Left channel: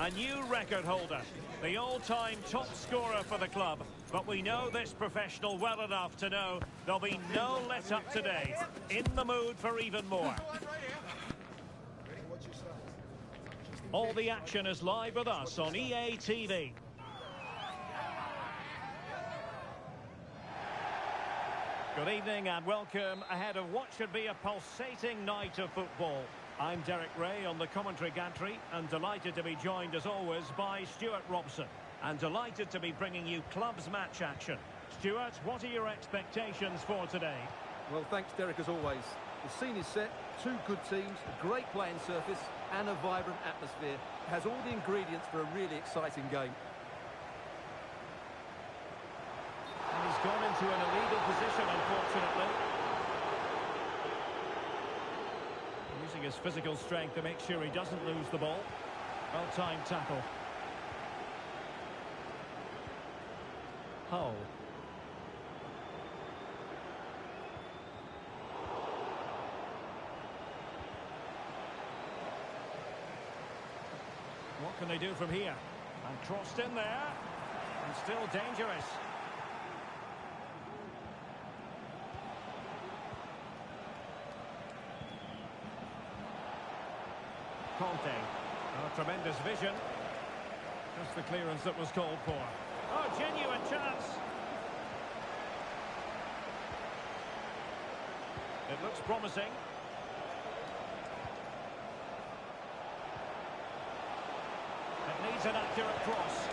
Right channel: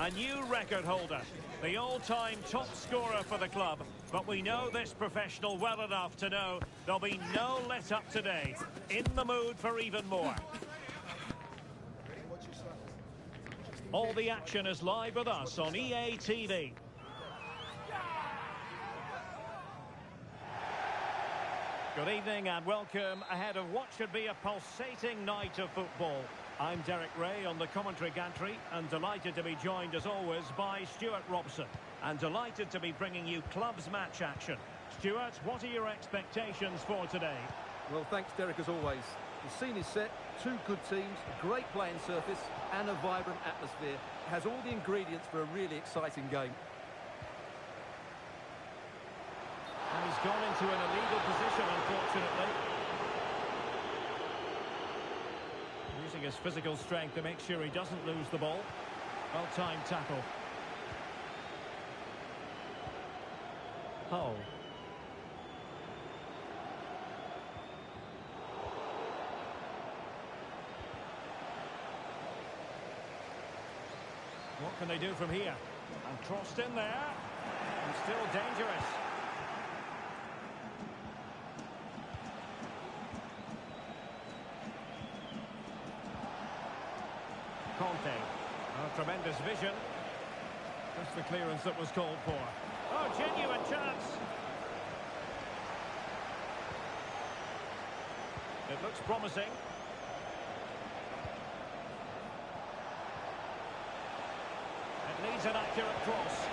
A new record holder, the all-time top scorer for the club. But we know this professional well enough to know there'll be no let-up today. In the mood for even more. All the action is live with us on EA TV. Good evening and welcome ahead of what should be a pulsating night of football. I'm Derek Ray on the commentary gantry and delighted to be joined as always by Stuart Robson. And delighted to be bringing you club's match action. Stuart, what are your expectations for today? Well, thanks Derek as always. The scene is set, two good teams, a great playing surface and a vibrant atmosphere. It has all the ingredients for a really exciting game. And he's gone into an illegal position, unfortunately. Using his physical strength to make sure he doesn't lose the ball. Well-timed tackle. Hull. What can they do from here? And crossed in there. And still dangerous. Conte. Oh, tremendous vision. Just the clearance that was called for. Oh, genuine chance. It looks promising. It needs an accurate cross.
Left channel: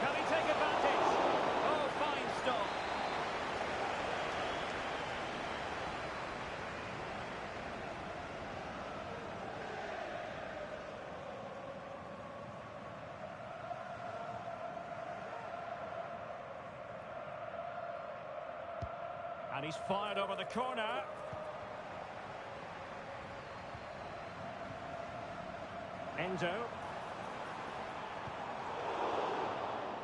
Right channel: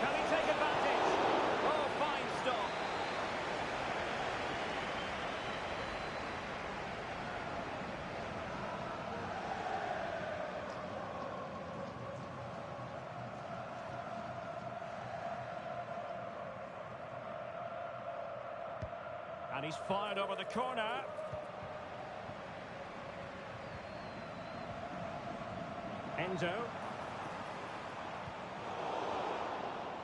Can he take advantage? Oh, fine stop. And he's fired over the corner. Endo.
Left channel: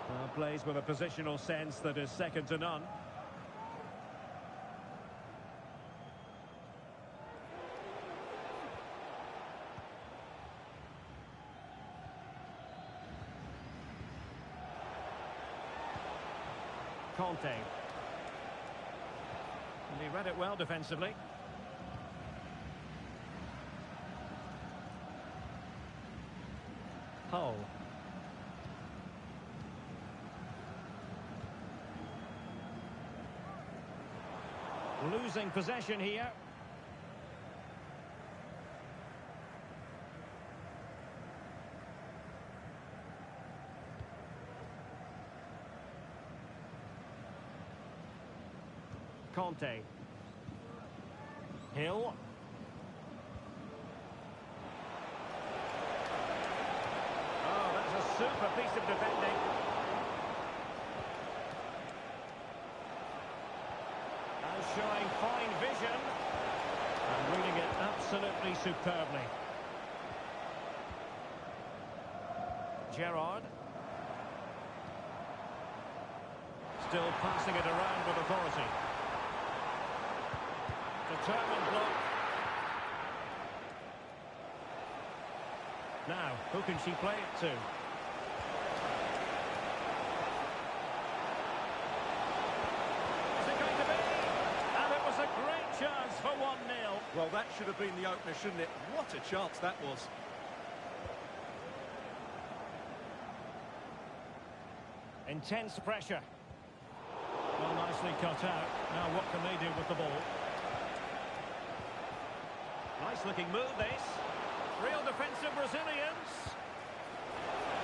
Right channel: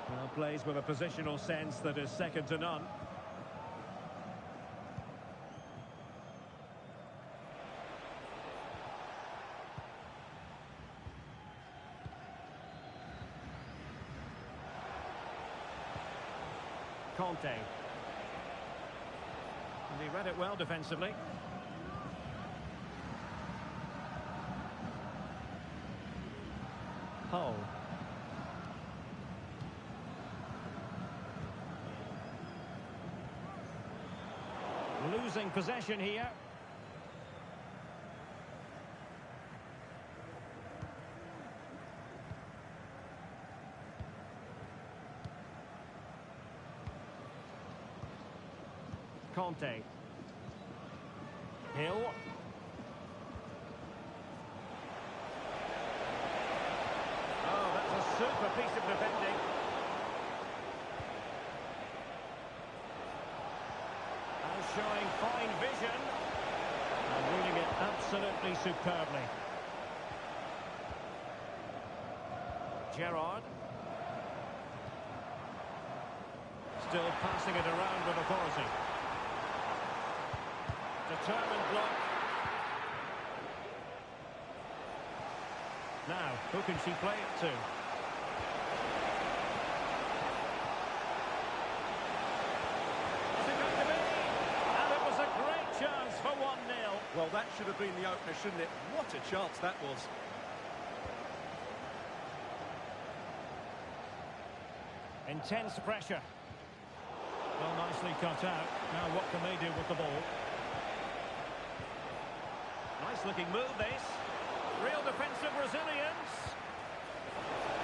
Well, plays with a positional sense that is second to none. Conte. And he read it well defensively. Hull. Losing possession here. Conte. Hill. Oh, that's a super piece of defending. And showing fine vision. And reading it absolutely superbly. Gerrard. Still passing it around with authority. Determined block. Now, who can she play it to? Is it going to be? And it was a great chance for 1-0. Well, that should have been the opener, shouldn't it? What a chance that was. Intense pressure. Well, nicely cut out. Now, what can they do with the ball? Nice looking move this. Real defensive resilience.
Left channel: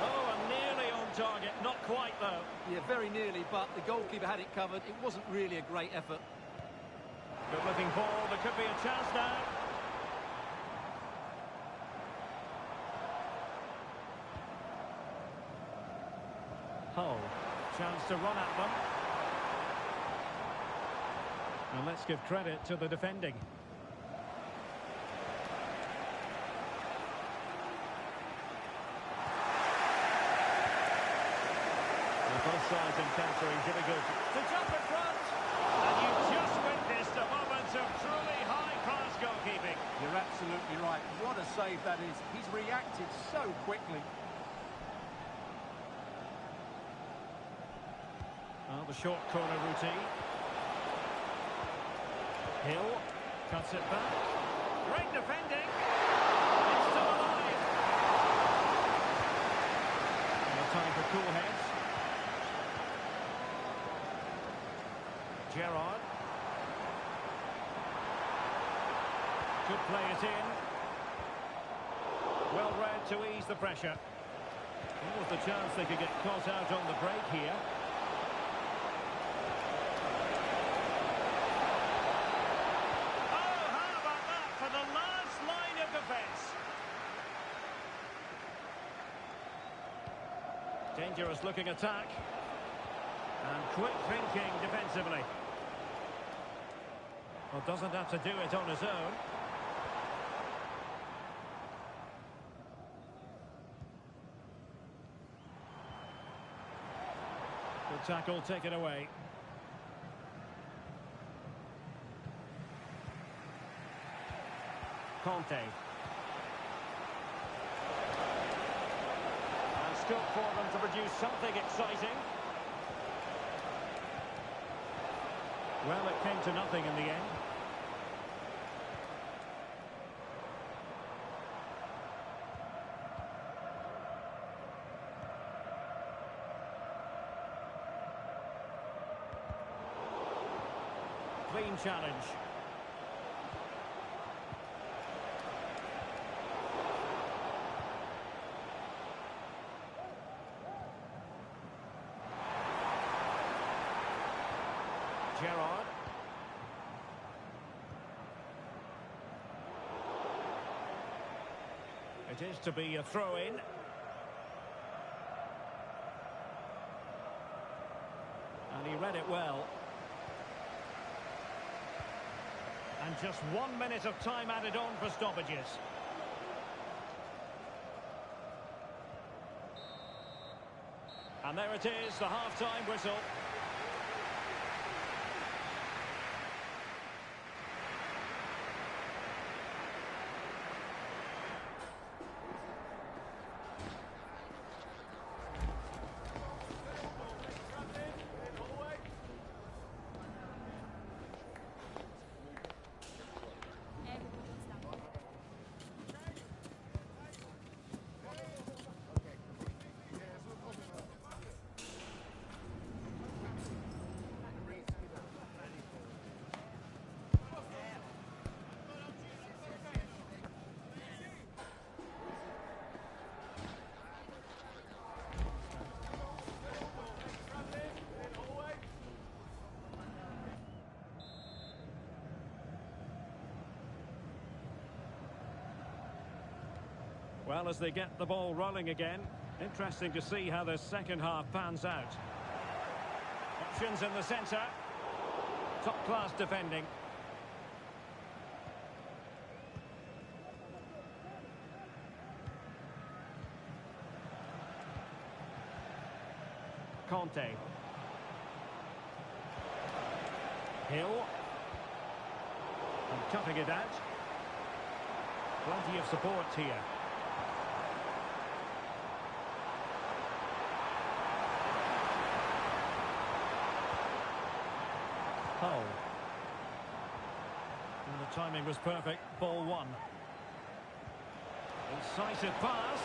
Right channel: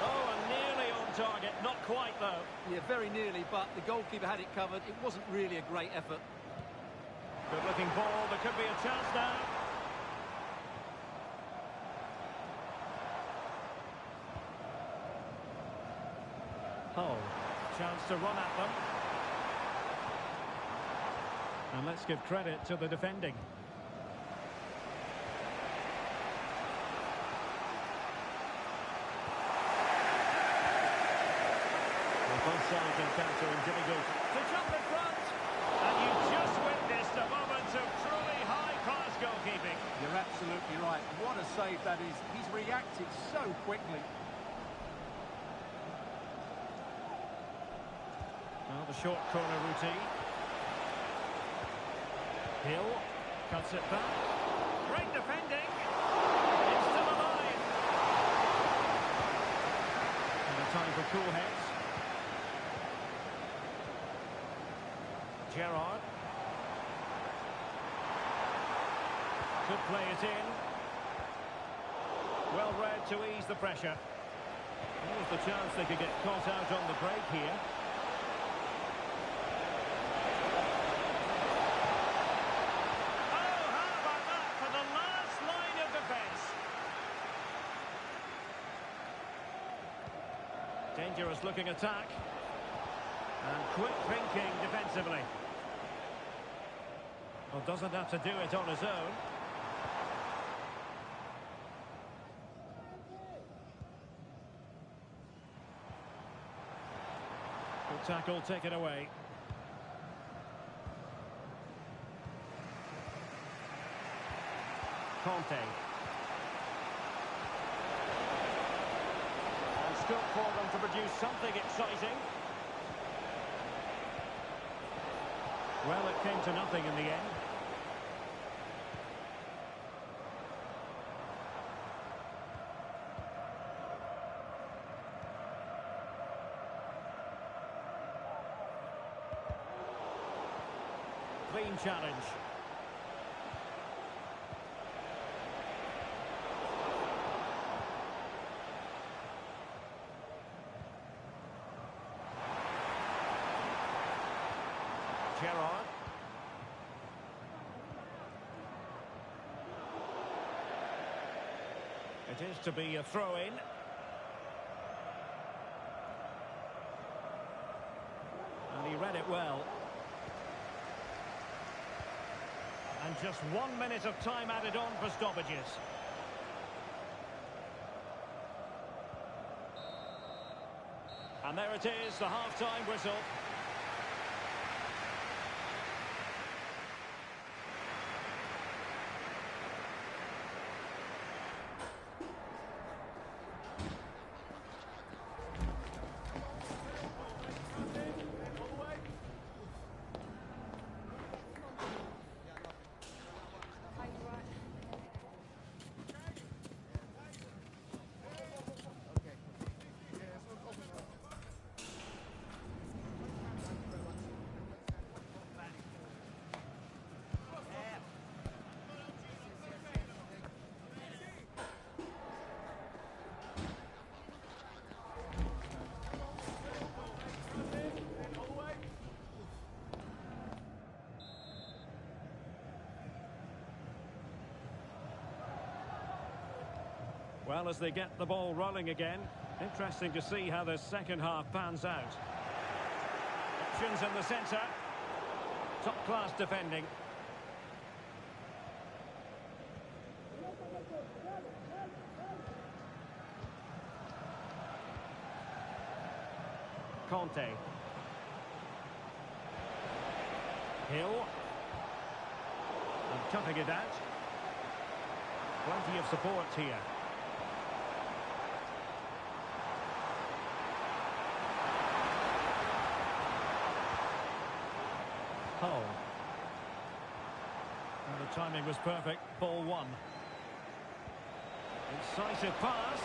Oh, and nearly on target. Not quite though. Yeah, very nearly, but the goalkeeper had it covered. It wasn't really a great effort. Good looking ball. There could be a chance now. Hull. Chance to run at them. And let's give credit to the defending. Both sides encountering difficulty. To jump in front! And you just witnessed a moment of truly high-class goalkeeping. You're absolutely right. What a save that is. He's reacted so quickly. Now the short corner routine. Hill cuts it back. Great defending. It's still alive. And a time for cool heads. Gerrard. Could play it in. Well read to ease the pressure. There was the chance they could get caught out on the break here. Oh, how about that for the last line of defence? Dangerous looking attack. And quick thinking defensively. Well, doesn't have to do it on his own. Good tackle, take it away. Conte. And scope for them to produce something exciting. Well, it came to nothing in the end. Clean challenge. Gerrard. It is to be a throw-in. And he read it well. And just 1 minute of time added on for stoppages. And there it is, the half-time whistle. Well, as they get the ball rolling again, interesting to see how the second half pans out. Options in the centre. Top-class defending. Conte. Hill. And cutting it out. Plenty of support here. Hull. And the timing was perfect. Ball one. Incisive pass.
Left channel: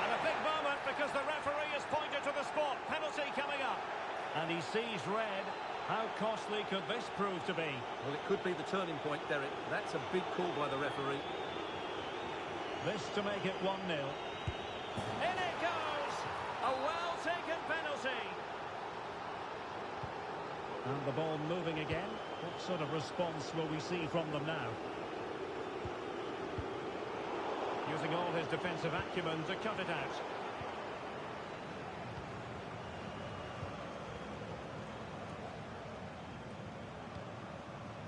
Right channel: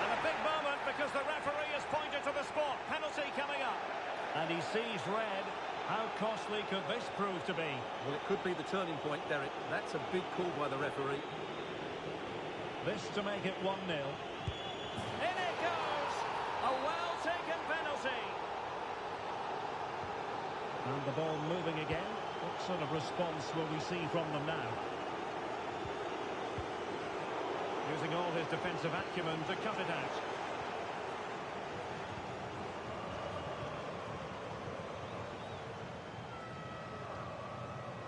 And a big moment because the referee has pointed to the spot. Penalty coming up. And he sees red. How costly could this prove to be? Well, it could be the turning point, Derek. That's a big call by the referee. This to make it 1-0. In it goes! A well-taken penalty. And the ball moving again. What sort of response will we see from them now? Using all his defensive acumen to cut it out.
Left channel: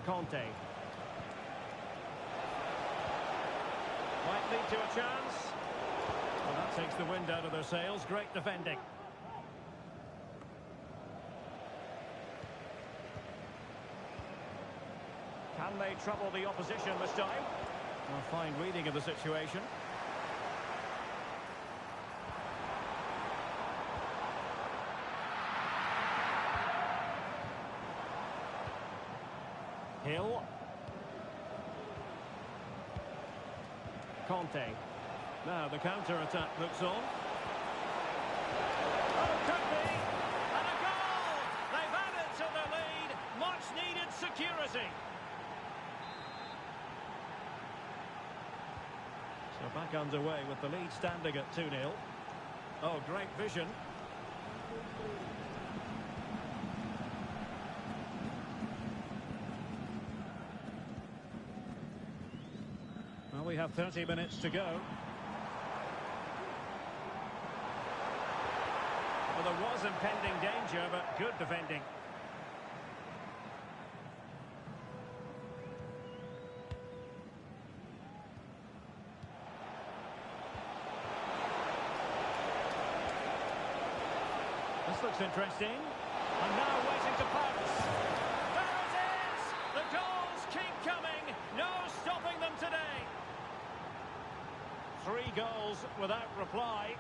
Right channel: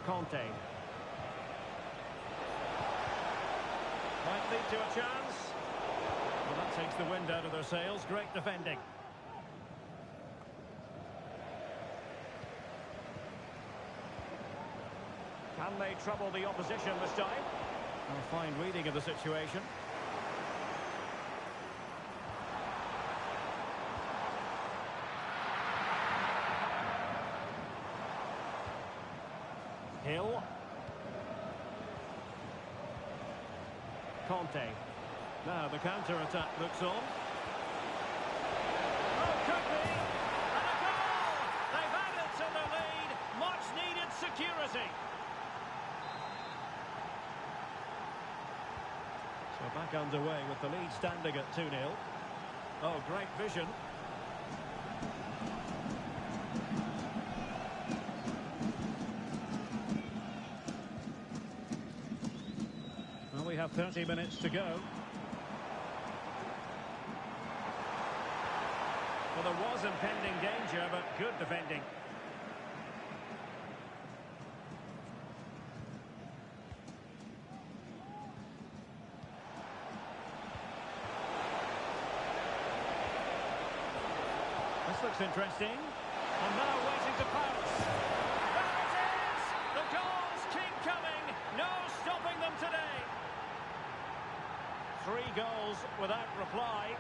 Conte. Might lead to a chance. Well, that takes the wind out of their sails. Great defending. Can they trouble the opposition this time? A fine reading of the situation. Hill. Conte. Now the counter-attack looks on. Oh, could be! And a goal! They've added to the lead. Much-needed security. So back underway with the lead standing at 2-0. Oh, great vision. Well, we have 30 minutes to go. Well, there was impending danger, but good defending. This looks interesting. And now waiting to pounce. There it is! The goals keep coming. No stopping them today. 3 goals without reply.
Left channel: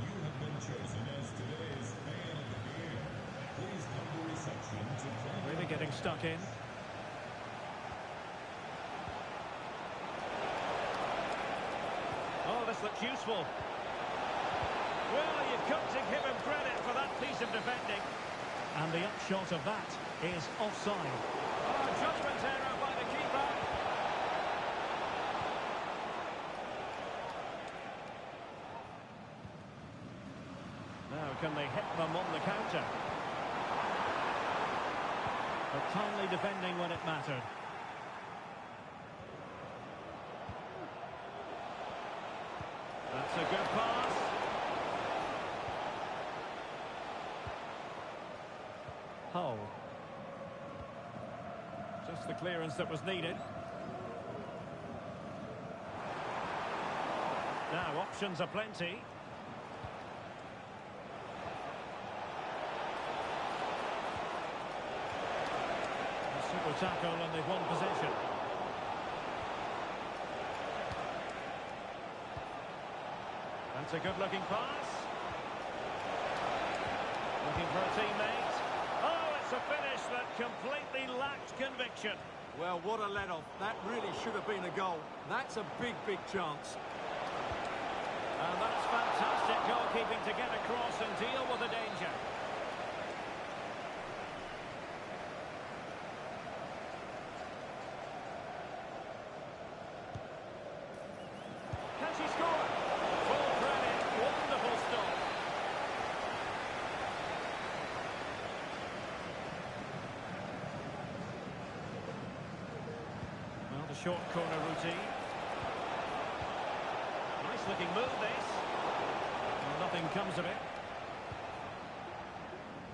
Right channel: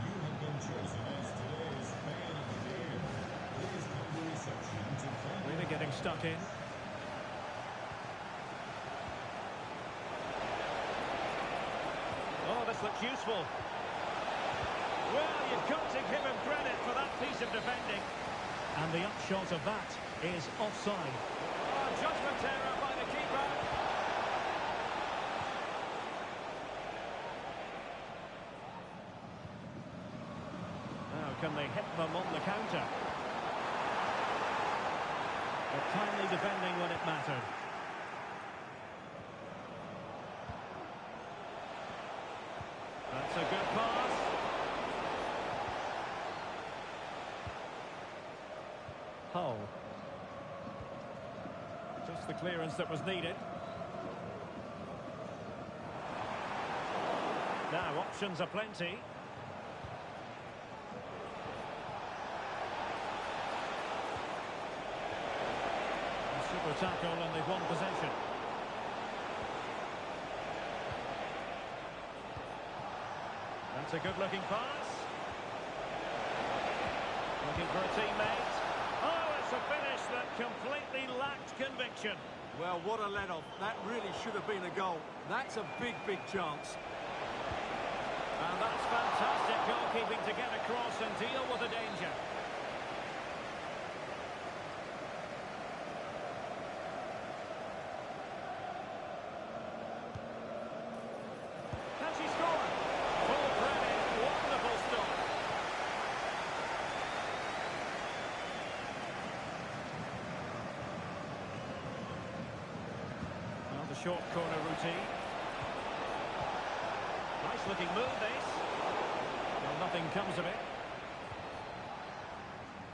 You have been chosen as today's fan of the game. Please come to reception to play. Really getting stuck in. Oh, this looks useful. Well, you've got to give him credit for that piece of defending. And the upshot of that is offside. Oh, judgment error by the keeper. Now, can they hit them on the counter? But timely defending when it mattered. That's a good pass. Hull. Just the clearance that was needed. Now, options are plenty. Super tackle and they've won possession. That's a good-looking pass. Looking for a teammate. Oh, it's a finish that completely lacked conviction. Well, what a let-off. That really should have been a goal. That's a big, big chance. And that's fantastic goalkeeping to get across and deal with the danger. Can she score? Full credit. Wonderful stop. Well, the short corner routine. Nice looking move, this. Well, nothing comes of it.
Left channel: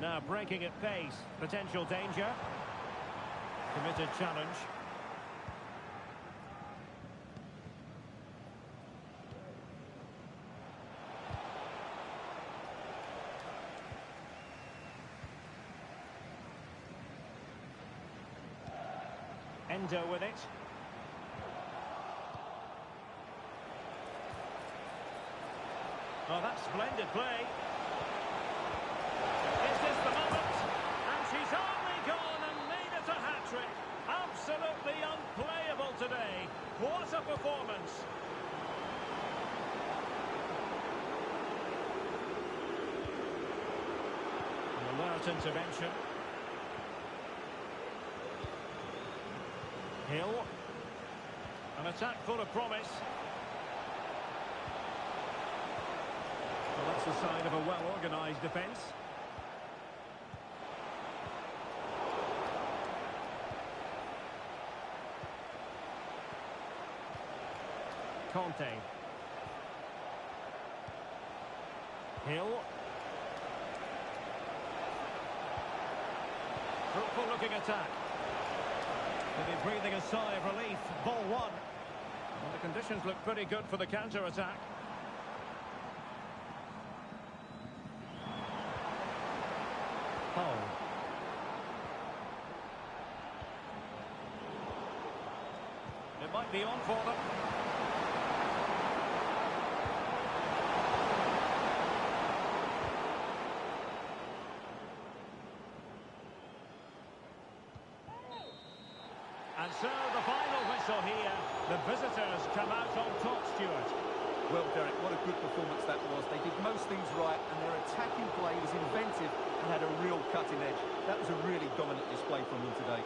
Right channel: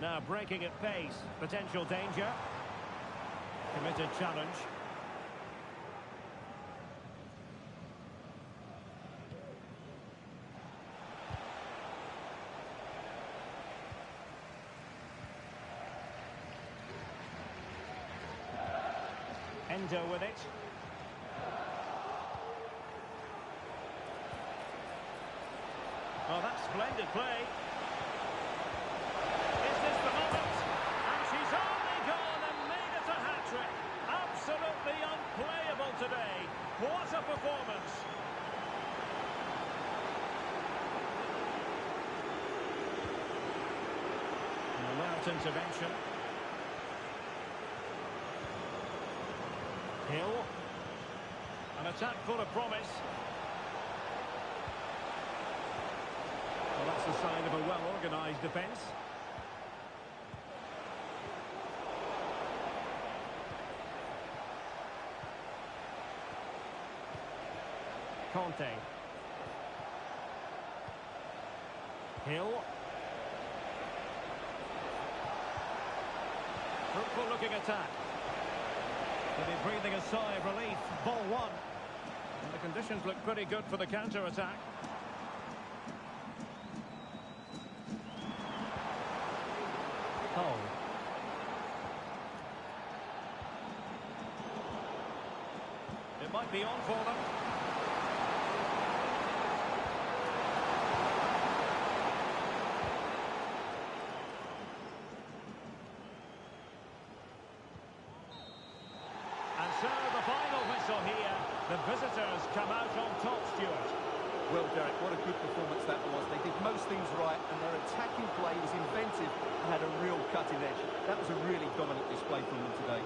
Now breaking at pace. Potential danger. Committed challenge. Endo with it. Oh, that's splendid play. Is this the moment? And she's only gone and made it a hat-trick. Absolutely unplayable today. What a performance. An alert intervention. Hill. An attack full of promise. Well, that's a sign of a well-organised defence. Conte. Hill. Fruitful looking attack. They'll be breathing a sigh of relief. Ball one. And the conditions look pretty good for the counter-attack. Hull. It might be on for them. Oh, And so the final whistle here. The visitors come out on top, Stuart. Well, Derek, what a good performance that was. They did most things right, and their attacking play was inventive and had a real cutting edge. That was a really dominant display from them today.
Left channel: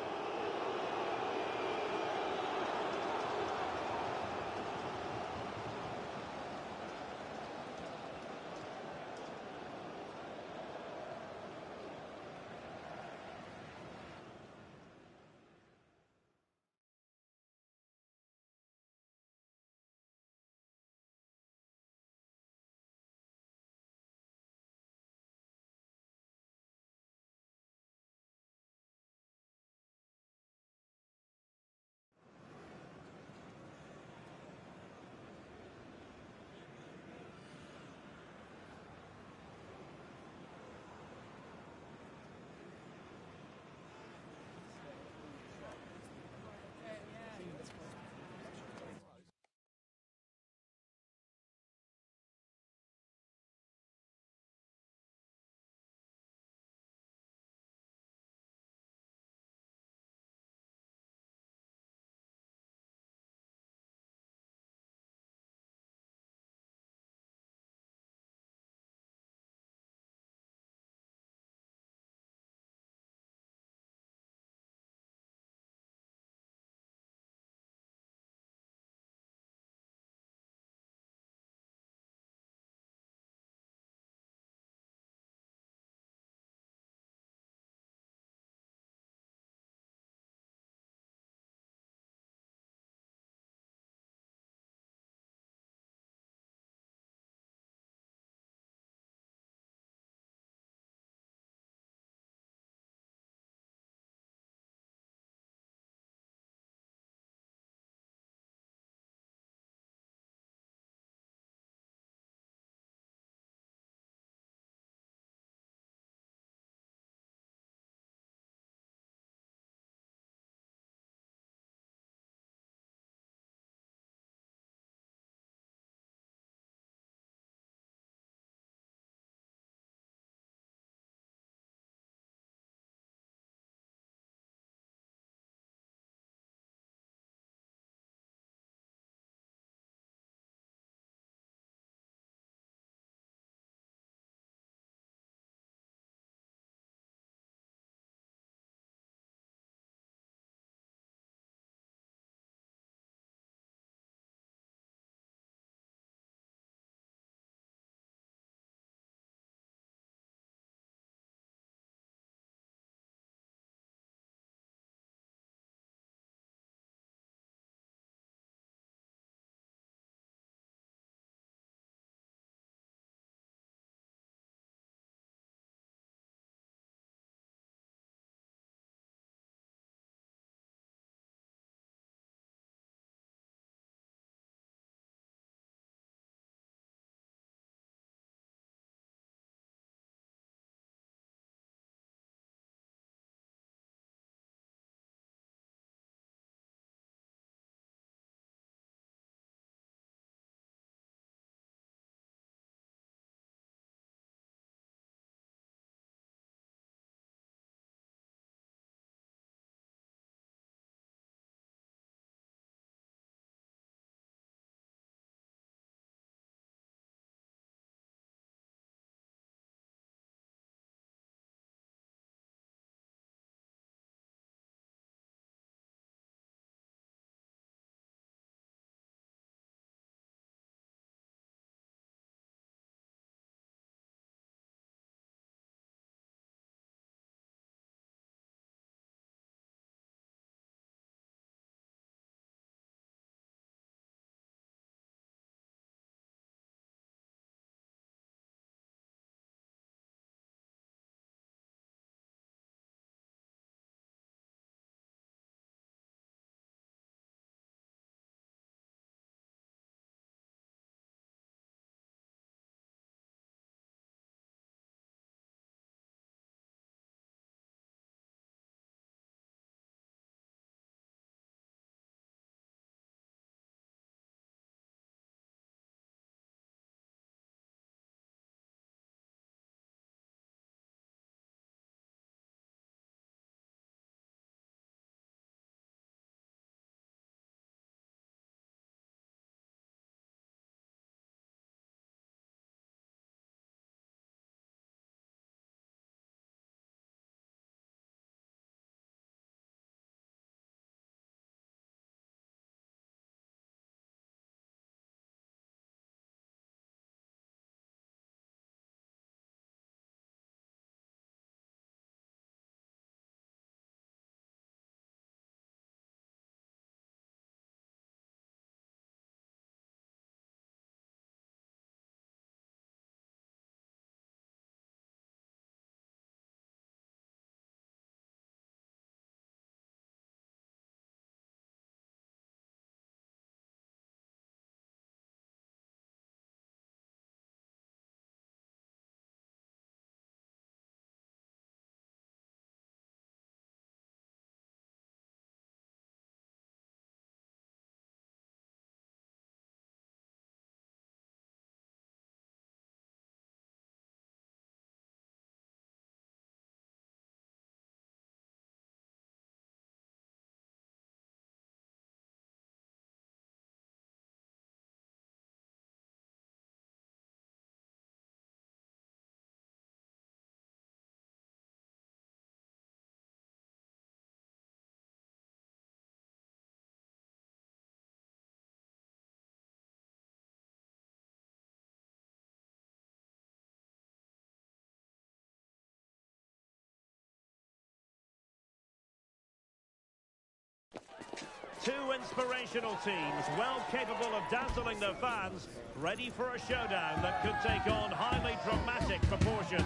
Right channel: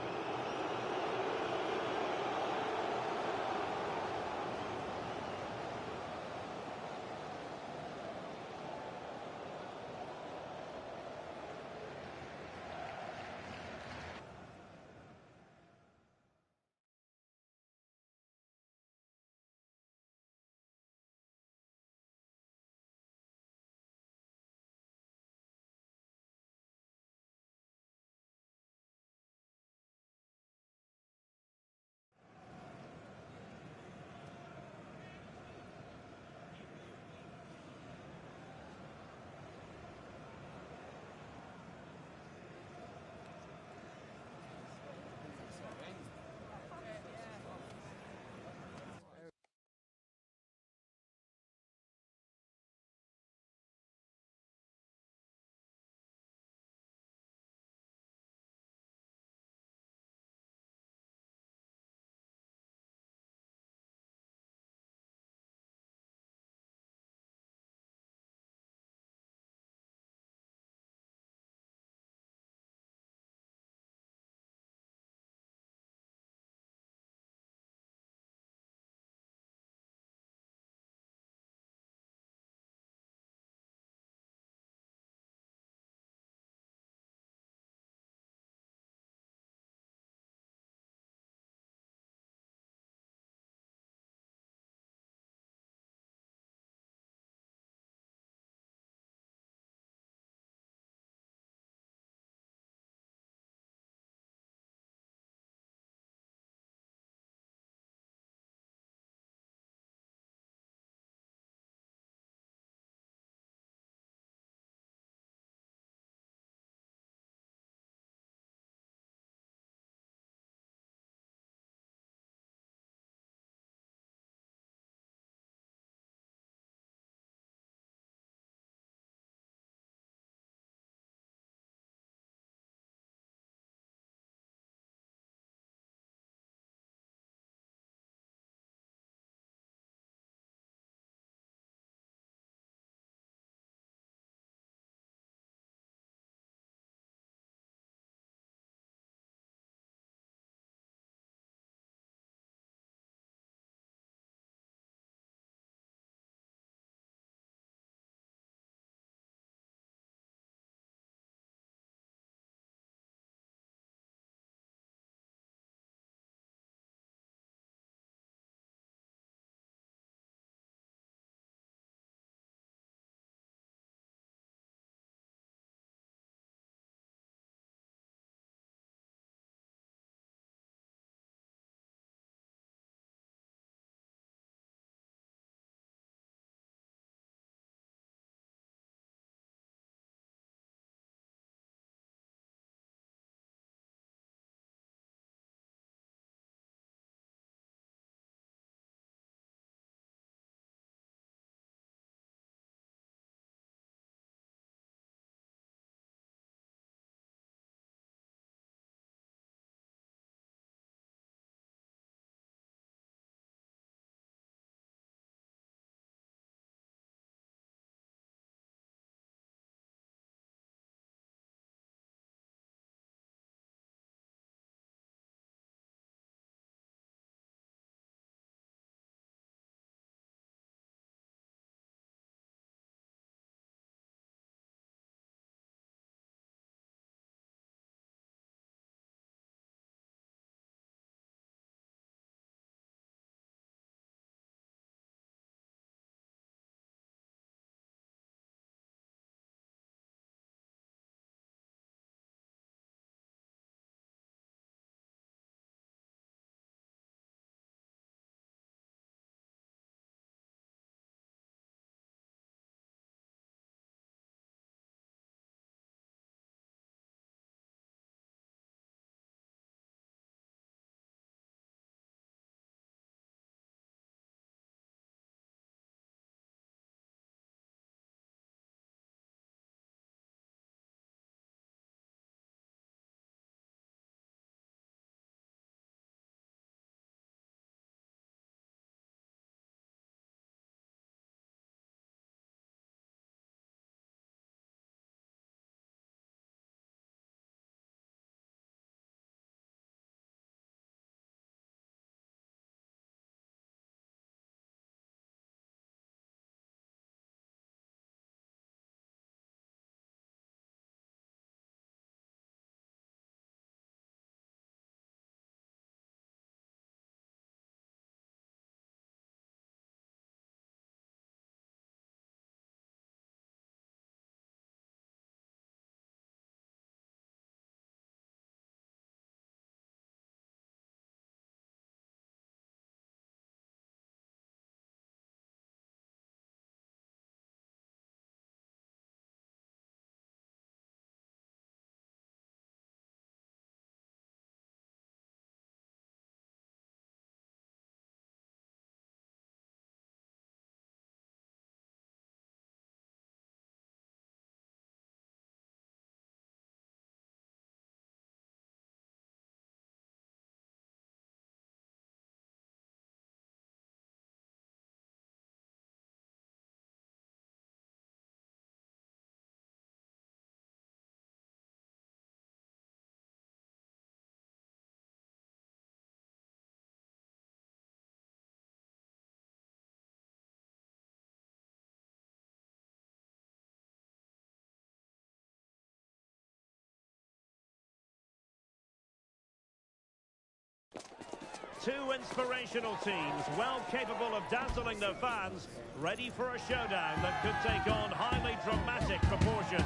Two inspirational teams, well capable of dazzling their fans, ready for a showdown that could take on highly dramatic proportions.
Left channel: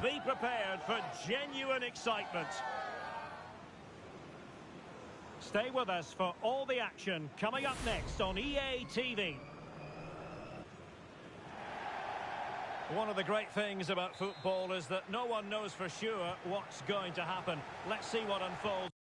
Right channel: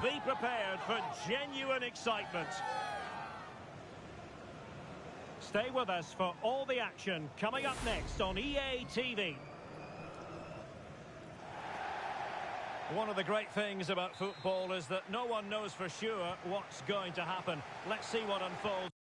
Be prepared for genuine excitement. Stay with us for all the action coming up next on EA TV. One of the great things about football is that no one knows for sure what's going to happen. Let's see what unfolds.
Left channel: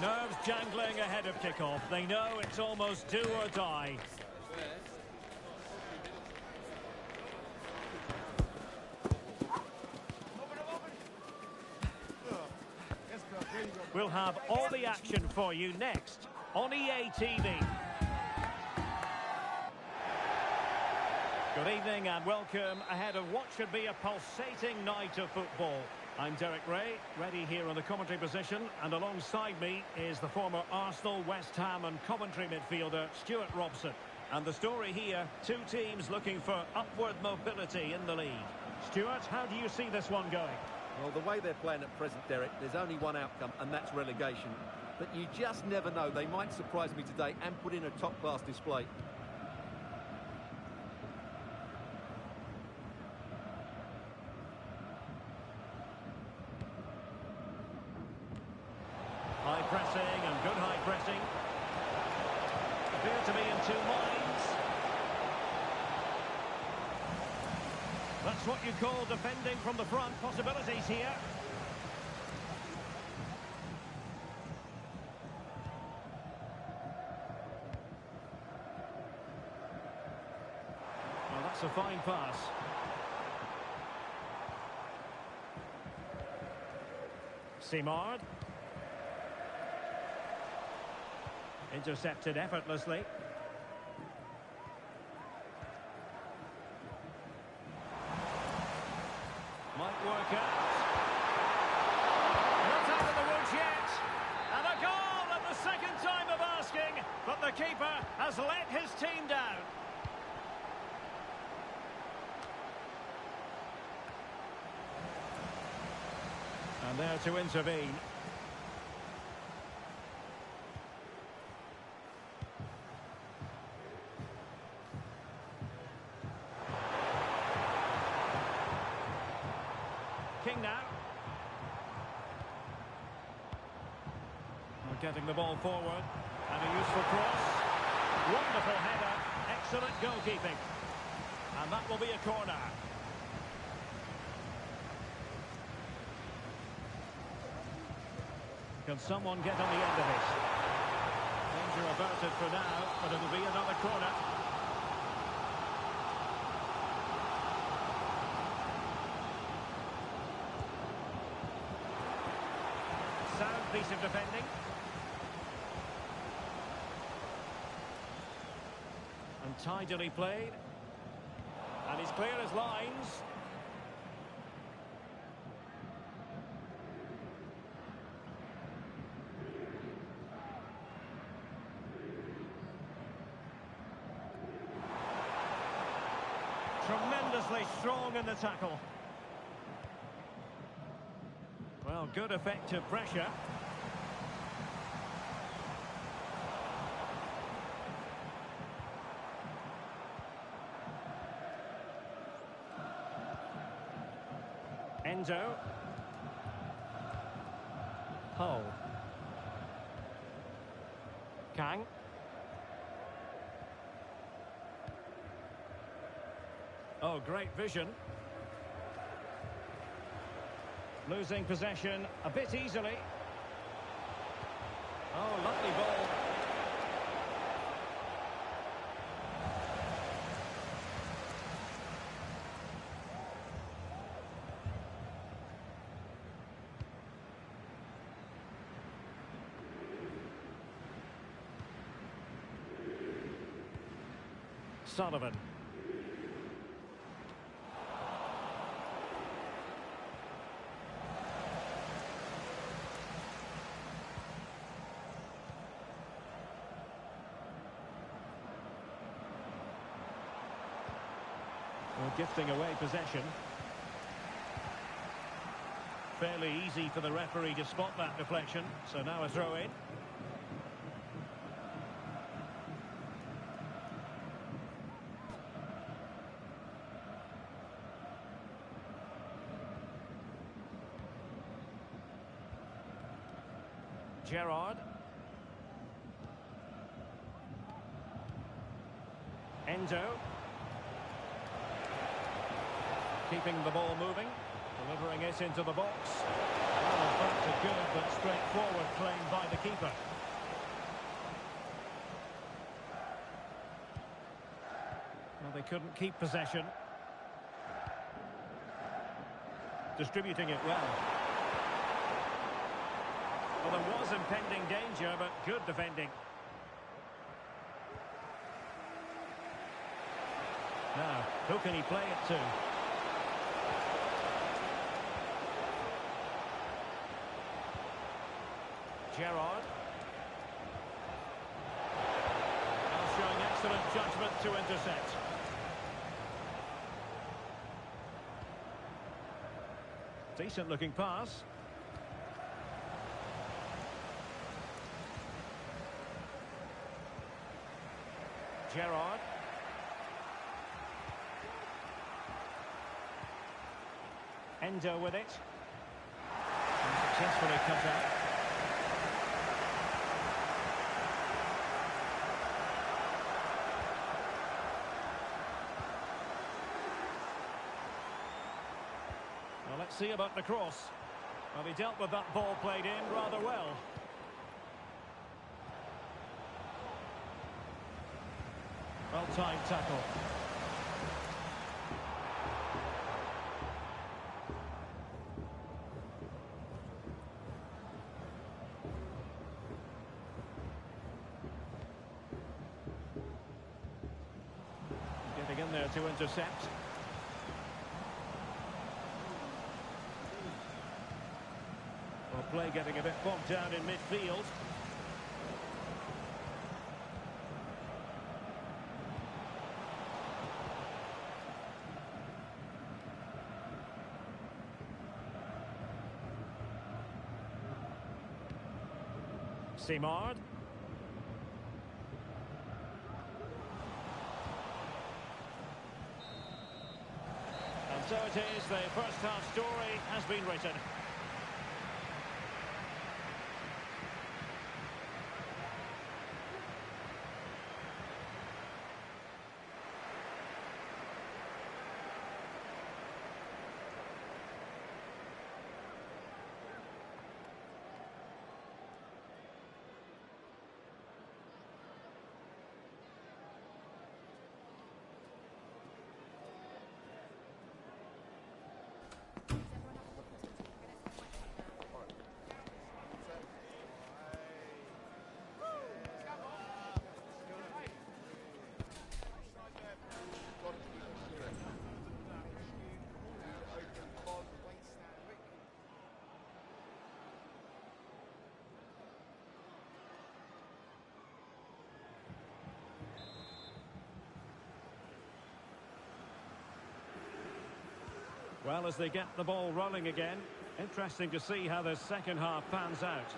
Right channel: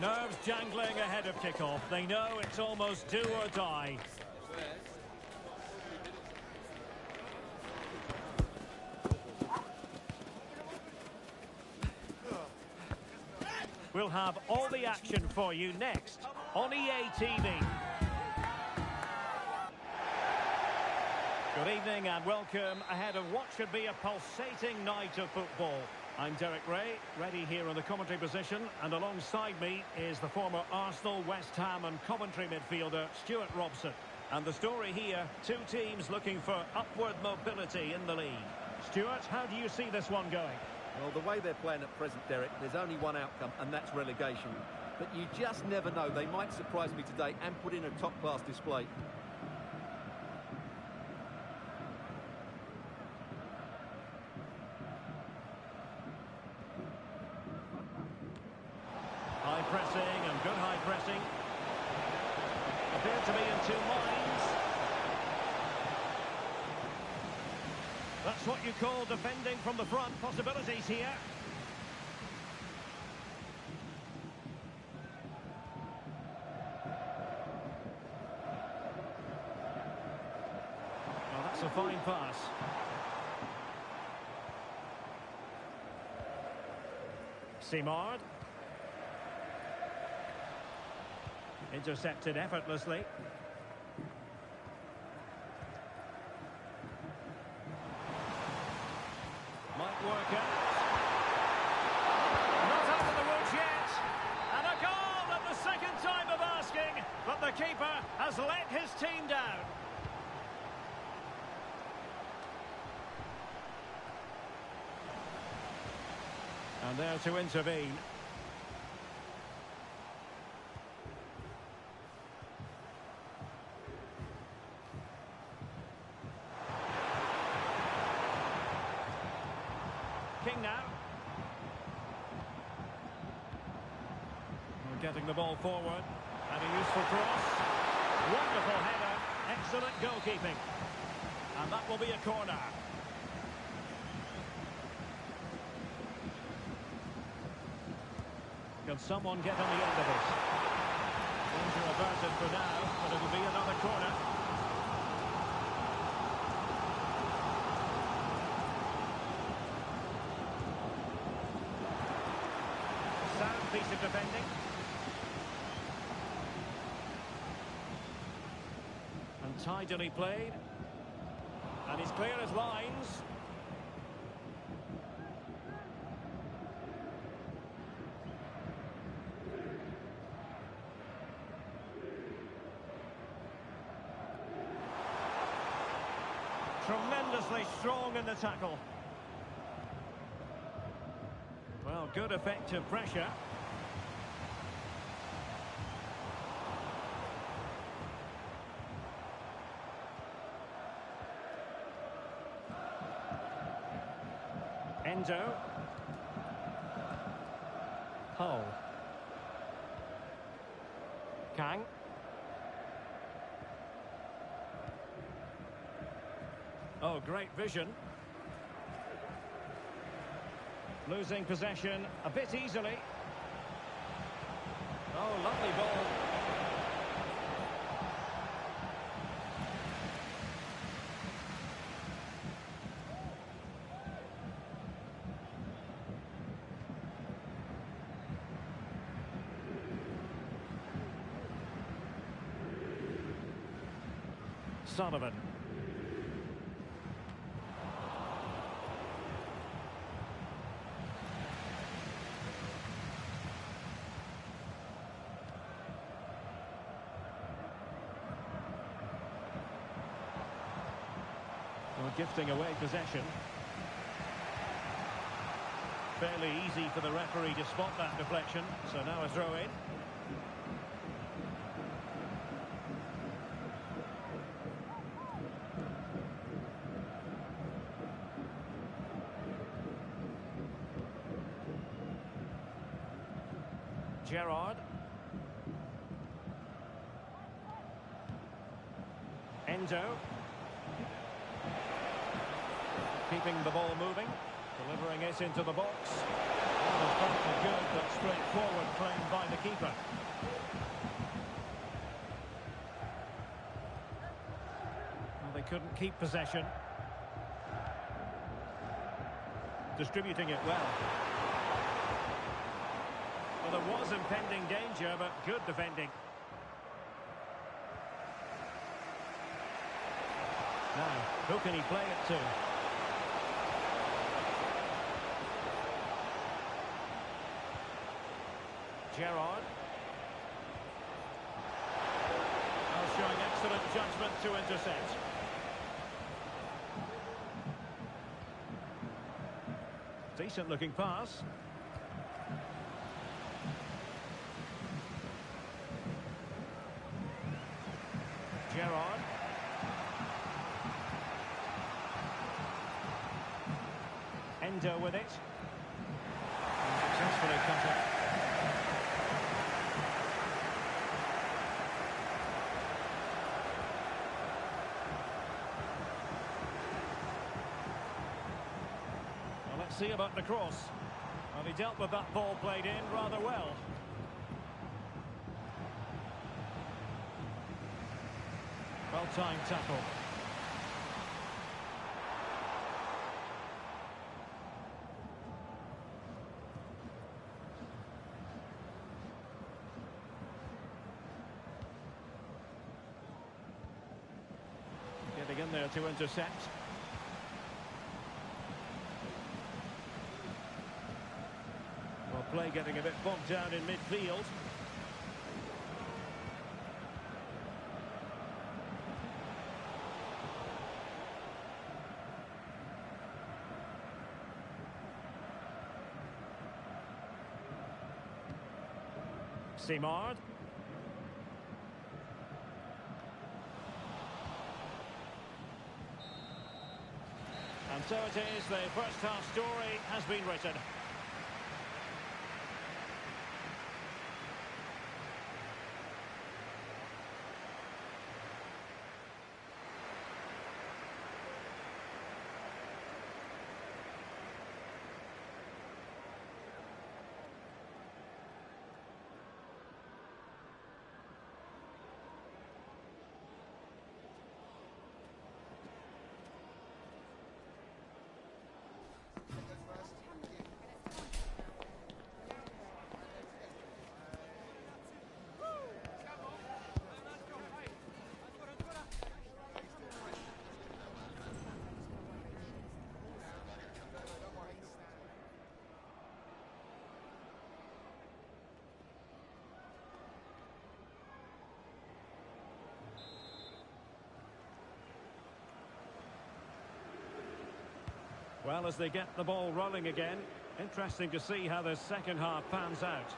Nerves jangling ahead of kickoff. They know it's almost do or die. We'll have all the action for you next on EA TV. Good evening and welcome ahead of what should be a pulsating night of football. I'm Derek Ray, ready here on the commentary position, and alongside me is the former Arsenal, West Ham and Coventry midfielder Stuart Robson. And the story here, two teams looking for upward mobility in the league. Stuart, how do you see this one going? Well, the way they're playing at present, Derek, there's only one outcome, and that's relegation. But you just never know. They might surprise me today and put in a top-class display. High pressing and good high pressing. Appear to be in two minds. That's what you call defending from the front. Possibilities here. Well, that's a fine pass. Simard. Intercepted effortlessly. Might work out. Not out of the woods yet. And a goal at the second time of asking. But the keeper has let his team down. And there to intervene. King now. We're getting the ball forward. And a useful cross. Wonderful header. Excellent goalkeeping. And that will be a corner. Can someone get on the end of it? Danger averted for now, but it'll be another corner. Sound piece of defending. And tidily played. And he's clear as lines. Tremendously strong in the tackle. Well, good effective pressure. Endo. Hull. Kang. Oh, great vision. Losing possession a bit easily. Oh, lovely ball. Sullivan. Well, gifting away possession. Fairly easy for the referee to spot that deflection. So now a throw in. Gerrard. Endo. Keeping the ball moving. Delivering it into the box. Well, that's a good but straightforward claim by the keeper. Well, they couldn't keep possession. Distributing it well. Well, there was impending danger, but good defending. Now, who can he play it to? Gerrard. Now showing excellent judgment to intercept. Decent looking pass. Gerrard. Endo with it. And successfully cut out. Well, let's see about the cross. Well, he dealt with that ball played in rather well. Well-timed tackle. Getting in there to intercept. Well, play getting a bit bogged down in midfield. Simard. And so it is, the first half story has been written. Well, as they get the ball rolling again, interesting to see how the second half pans out.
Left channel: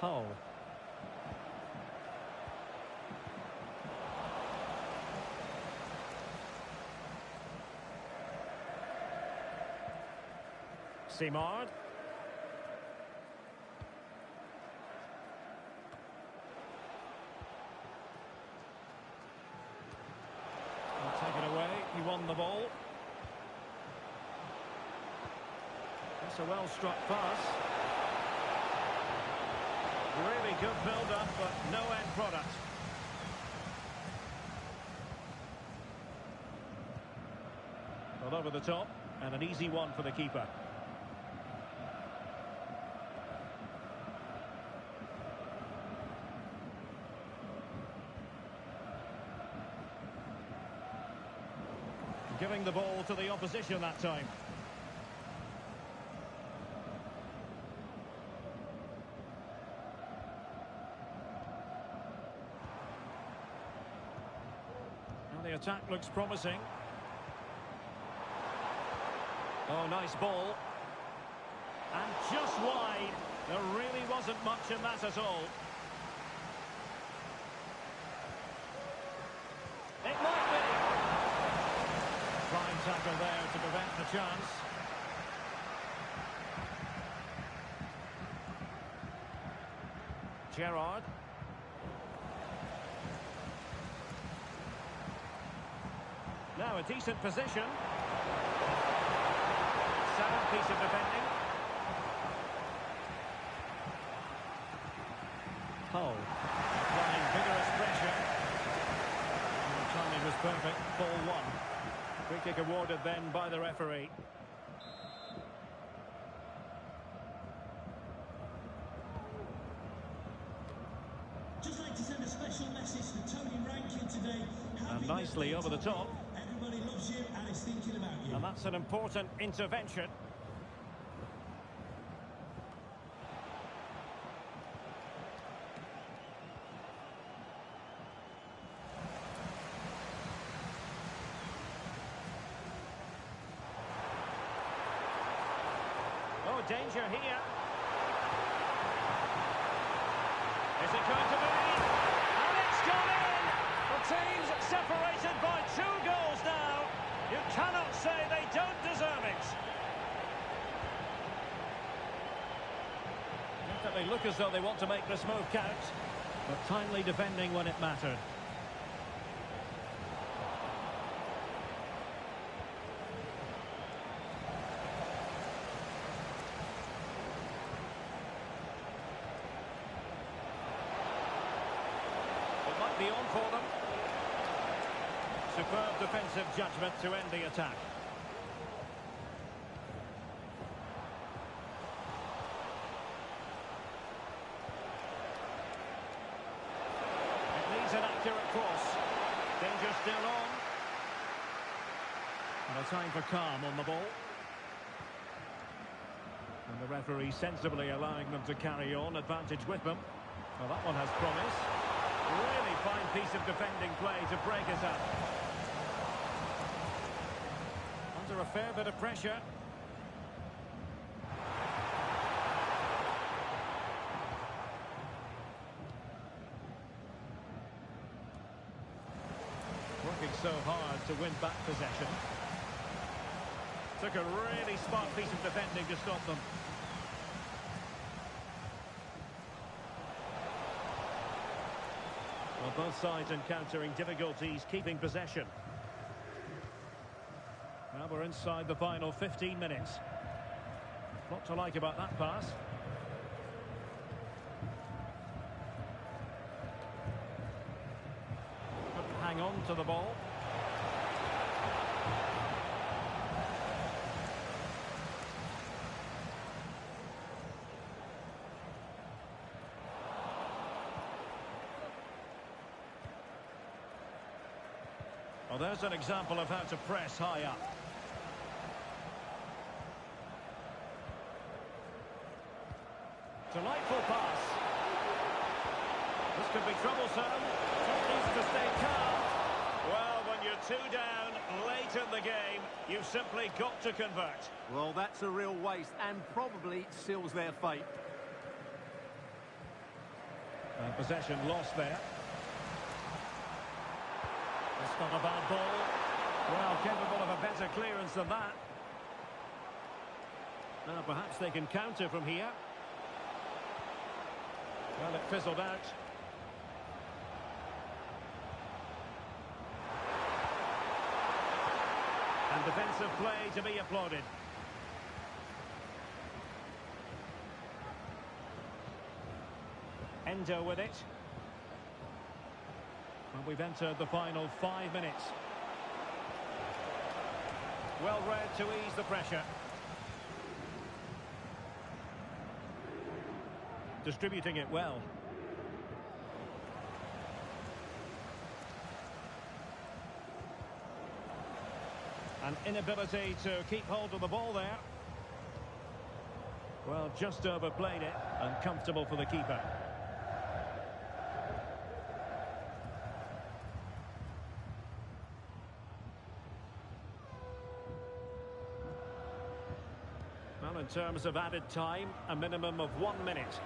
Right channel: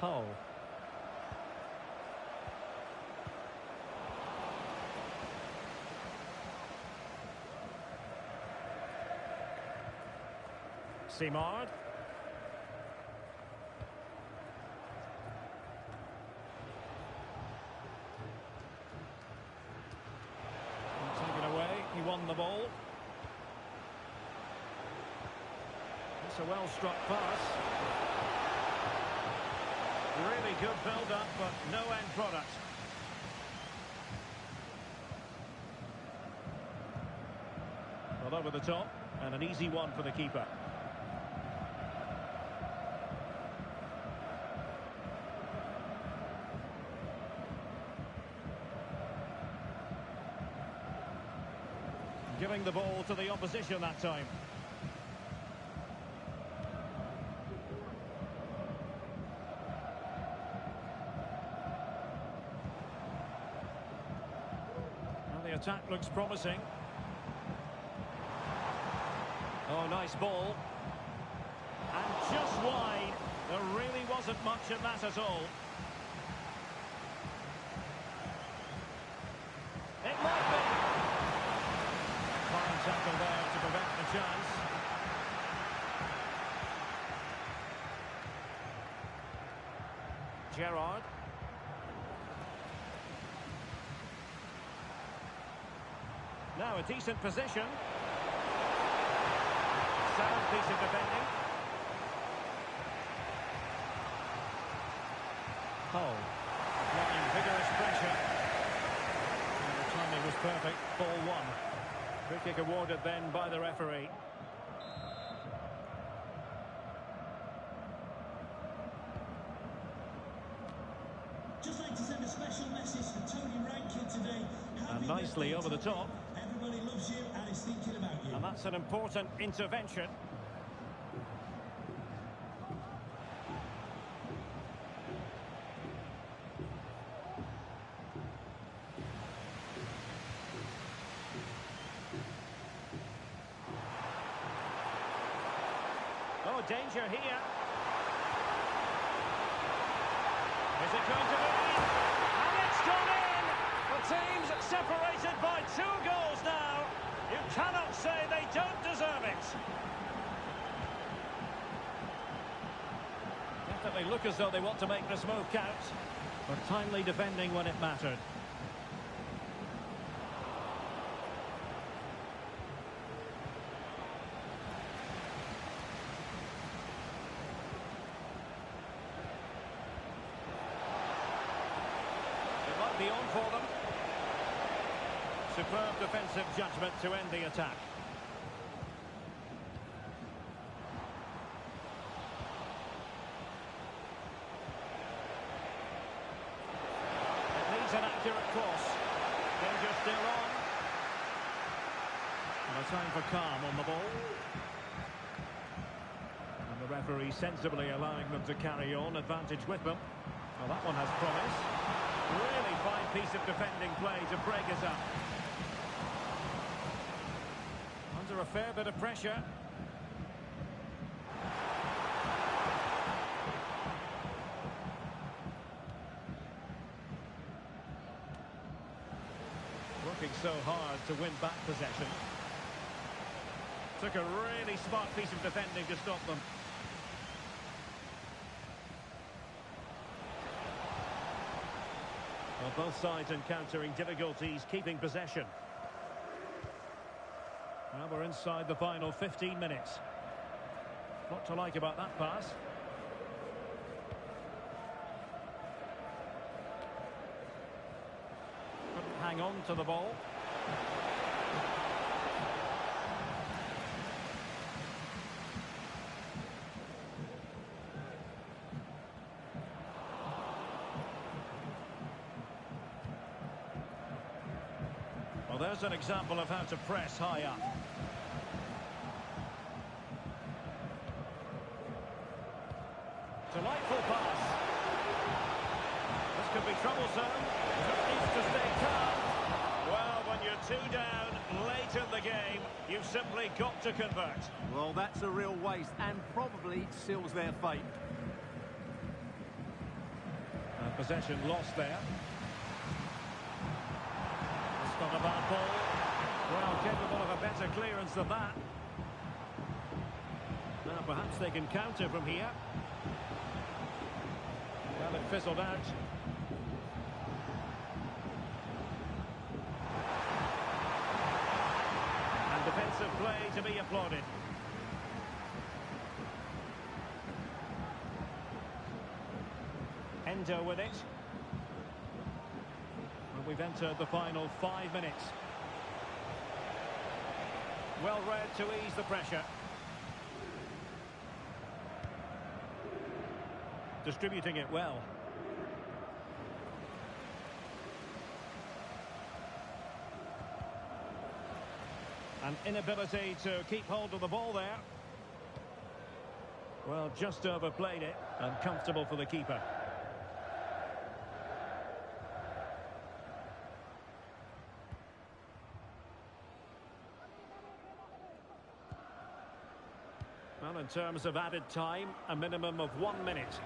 Hull. Simard. Taken away, he won the ball. That's a well-struck pass. Really good build-up, but no end product. Well, over the top, and an easy one for the keeper. Giving the ball to the opposition that time. Now the attack looks promising. Oh, nice ball. And just wide. There really wasn't much in that at all. It might be. Fine tackle there to prevent the chance. Gerrard. Now a decent position. Sound piece of defending. Hull applying vigorous pressure. And the timing was perfect. Ball one. Free kick awarded then by the referee. Just like to send a special message to Tony Rankin today. And nicely over the top. Everybody loves you and is thinking about you. And that's an important intervention. Oh, danger here. Is it going to be? And it's gone in! The team's separated by 2 goals now. You cannot say they don't deserve it. Definitely look as though they want to make this move count. But timely defending when it mattered. It might be on for them. Superb defensive judgment to end the attack. It needs an accurate cross. Danger still on. And a time for calm on the ball. And the referee sensibly allowing them to carry on. Advantage with them. Well, that one has promise. Really fine piece of defending play to break us up. Under a fair bit of pressure. Working so hard to win back possession. Took a really smart piece of defending to stop them. Well, both sides encountering difficulties keeping possession. Now we're inside the final 15 minutes. What to like about that pass? Couldn't hang on to the ball. Well, there's an example of how to press high up. Delightful pass. This could be troublesome. Just needs to stay calm. Well, when you're 2 down late in the game, you've simply got to convert. Well, that's a real waste and probably seals their fate. And possession lost there. It's not a bad ball. Well, capable of a better clearance than that. Now perhaps they can counter from here. Well, it fizzled out. And defensive play to be applauded. Endo with it. And we've entered the final 5 minutes. Well read to ease the pressure. Distributing it well. An inability to keep hold of the ball there. Well, just overplayed it, and comfortable for the keeper. Well, in terms of added time, a minimum of 1 minute.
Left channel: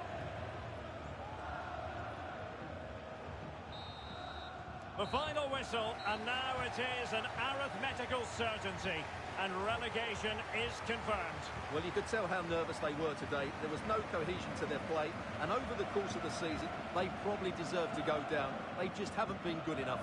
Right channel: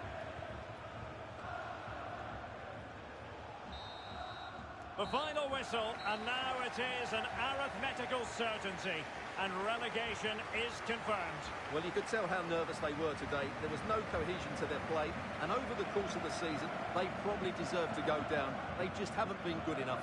The final whistle, and now it is an arithmetical certainty, and relegation is confirmed. Well, you could tell how nervous they were today. There was no cohesion to their play, and over the course of the season, they probably deserve to go down. They just haven't been good enough.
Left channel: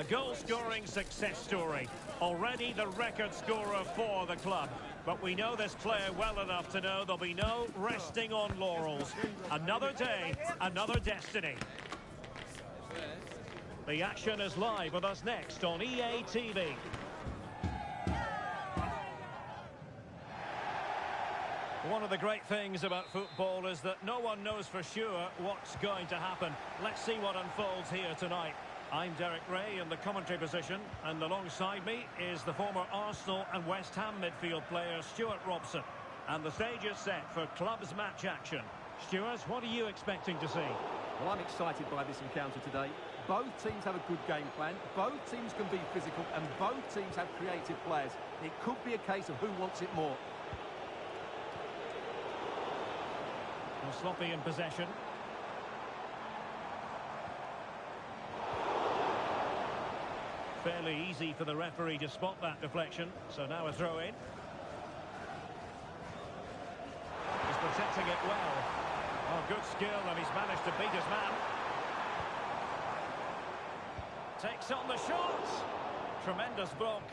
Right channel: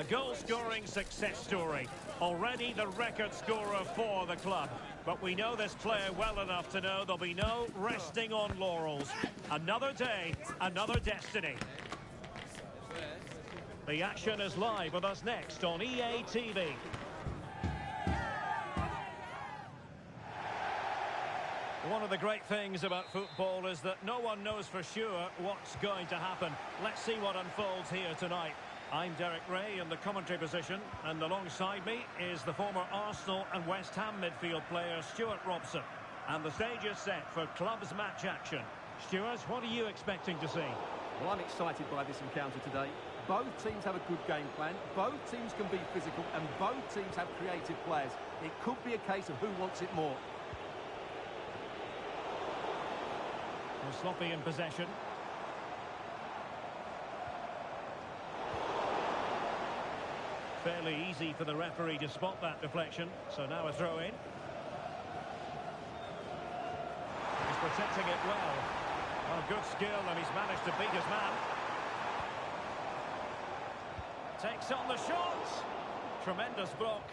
A goal-scoring success story. Already the record scorer for the club. But we know this player well enough to know there'll be no resting on laurels. Another day, another destiny. The action is live with us next on EA TV. One of the great things about football is that no one knows for sure what's going to happen. Let's see what unfolds here tonight. I'm Derek Ray in the commentary position, and alongside me is the former Arsenal and West Ham midfield player Stuart Robson. And the stage is set for clubs match action. Stuart, what are you expecting to see? Well, I'm excited by this encounter today. Both teams have a good game plan, both teams can be physical, and both teams have creative players. It could be a case of who wants it more. Well, sloppy in possession. Fairly easy for the referee to spot that deflection. So now a throw in. He's protecting it well. Oh, good skill, and he's managed to beat his man. Takes on the shot. Tremendous block.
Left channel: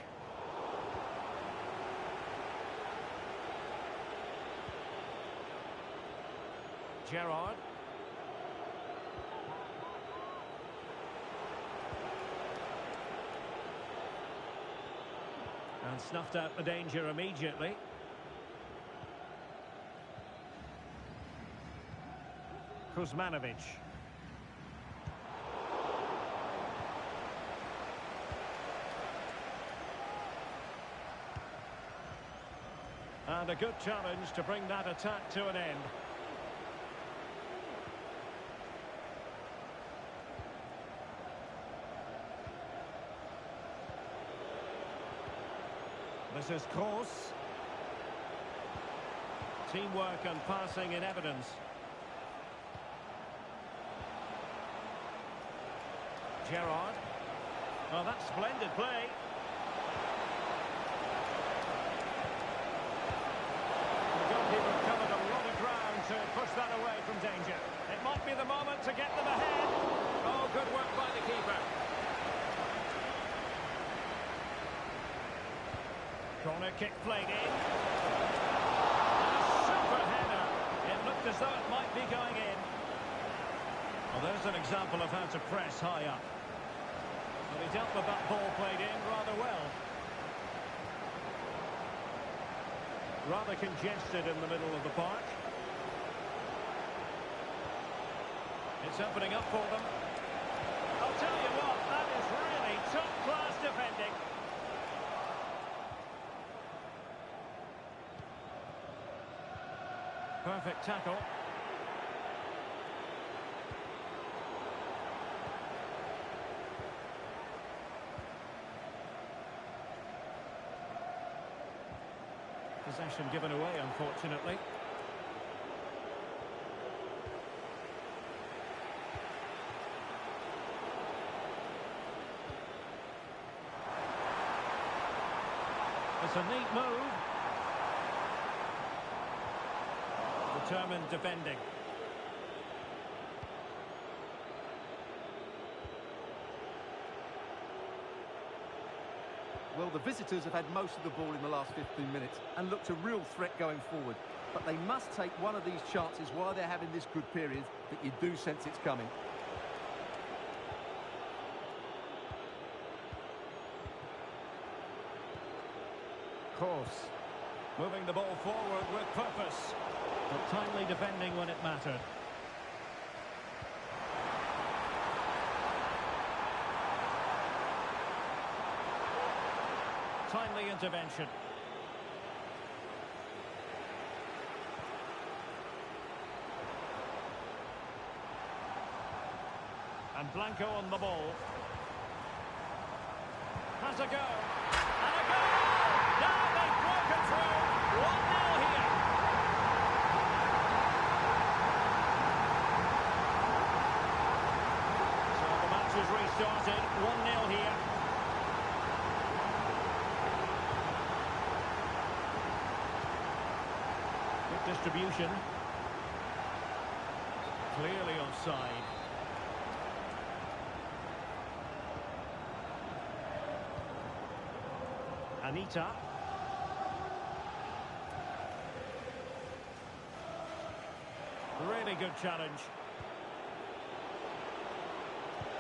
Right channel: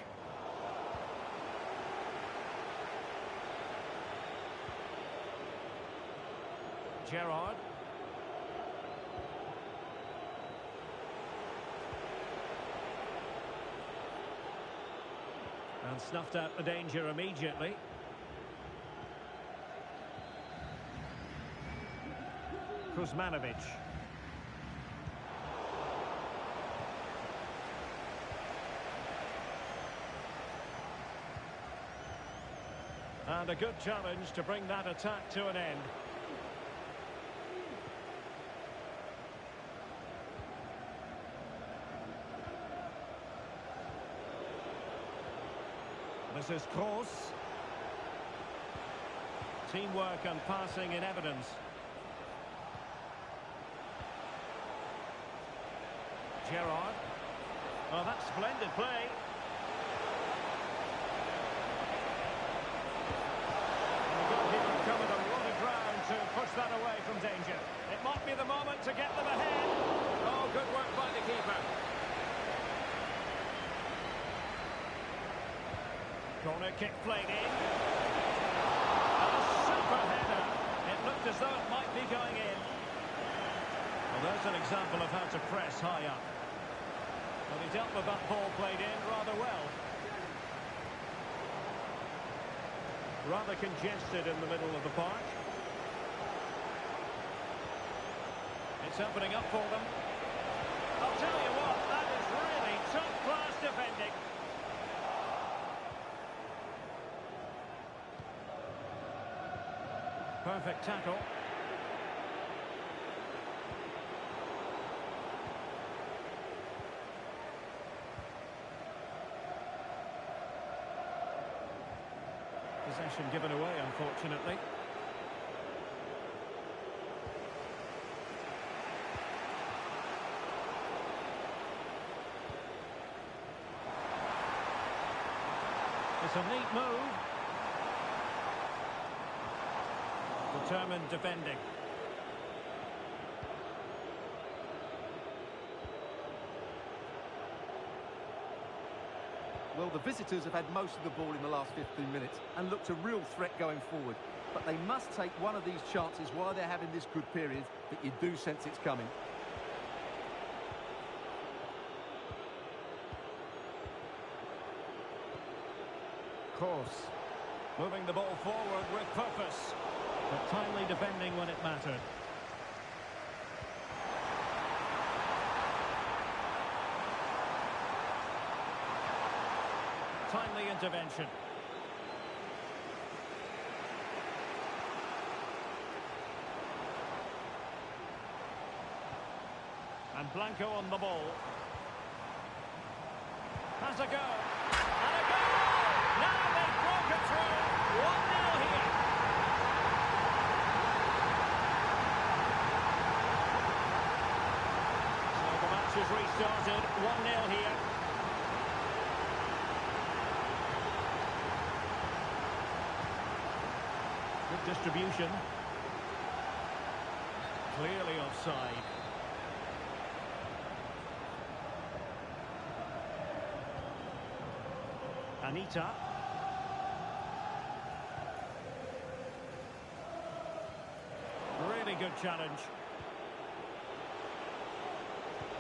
Gerrard. And snuffed out the danger immediately. Kuzmanovic. And a good challenge to bring that attack to an end. This is Kroos. Teamwork and passing in evidence. Gerrard. Oh, that's splendid play. And the goalkeeper covered a lot of ground to push that away from danger. It might be the moment to get them ahead. Oh, good work by the keeper. Corner kick played in. And a super header. It looked as though it might be going in. Well, there's an example of how to press high up. Well, he dealt with that ball played in rather well. Rather congested in the middle of the park. It's opening up for them. I'll tell you what, that is really top-class defending. Perfect tackle. Possession given away, unfortunately. It's a neat move. Determined defending. Well, the visitors have had most of the ball in the last 15 minutes and looked a real threat going forward. But they must take one of these chances while they're having this good period that you do sense it's coming. Kroos. Moving the ball forward with purpose. But timely defending when it mattered. Timely intervention. And Blanco on the ball. Has a go. And a goal! Now they've broken through. 1-0 here. So the match is restarted. 1-0 here. Good distribution. Clearly offside. Anita. Really good challenge.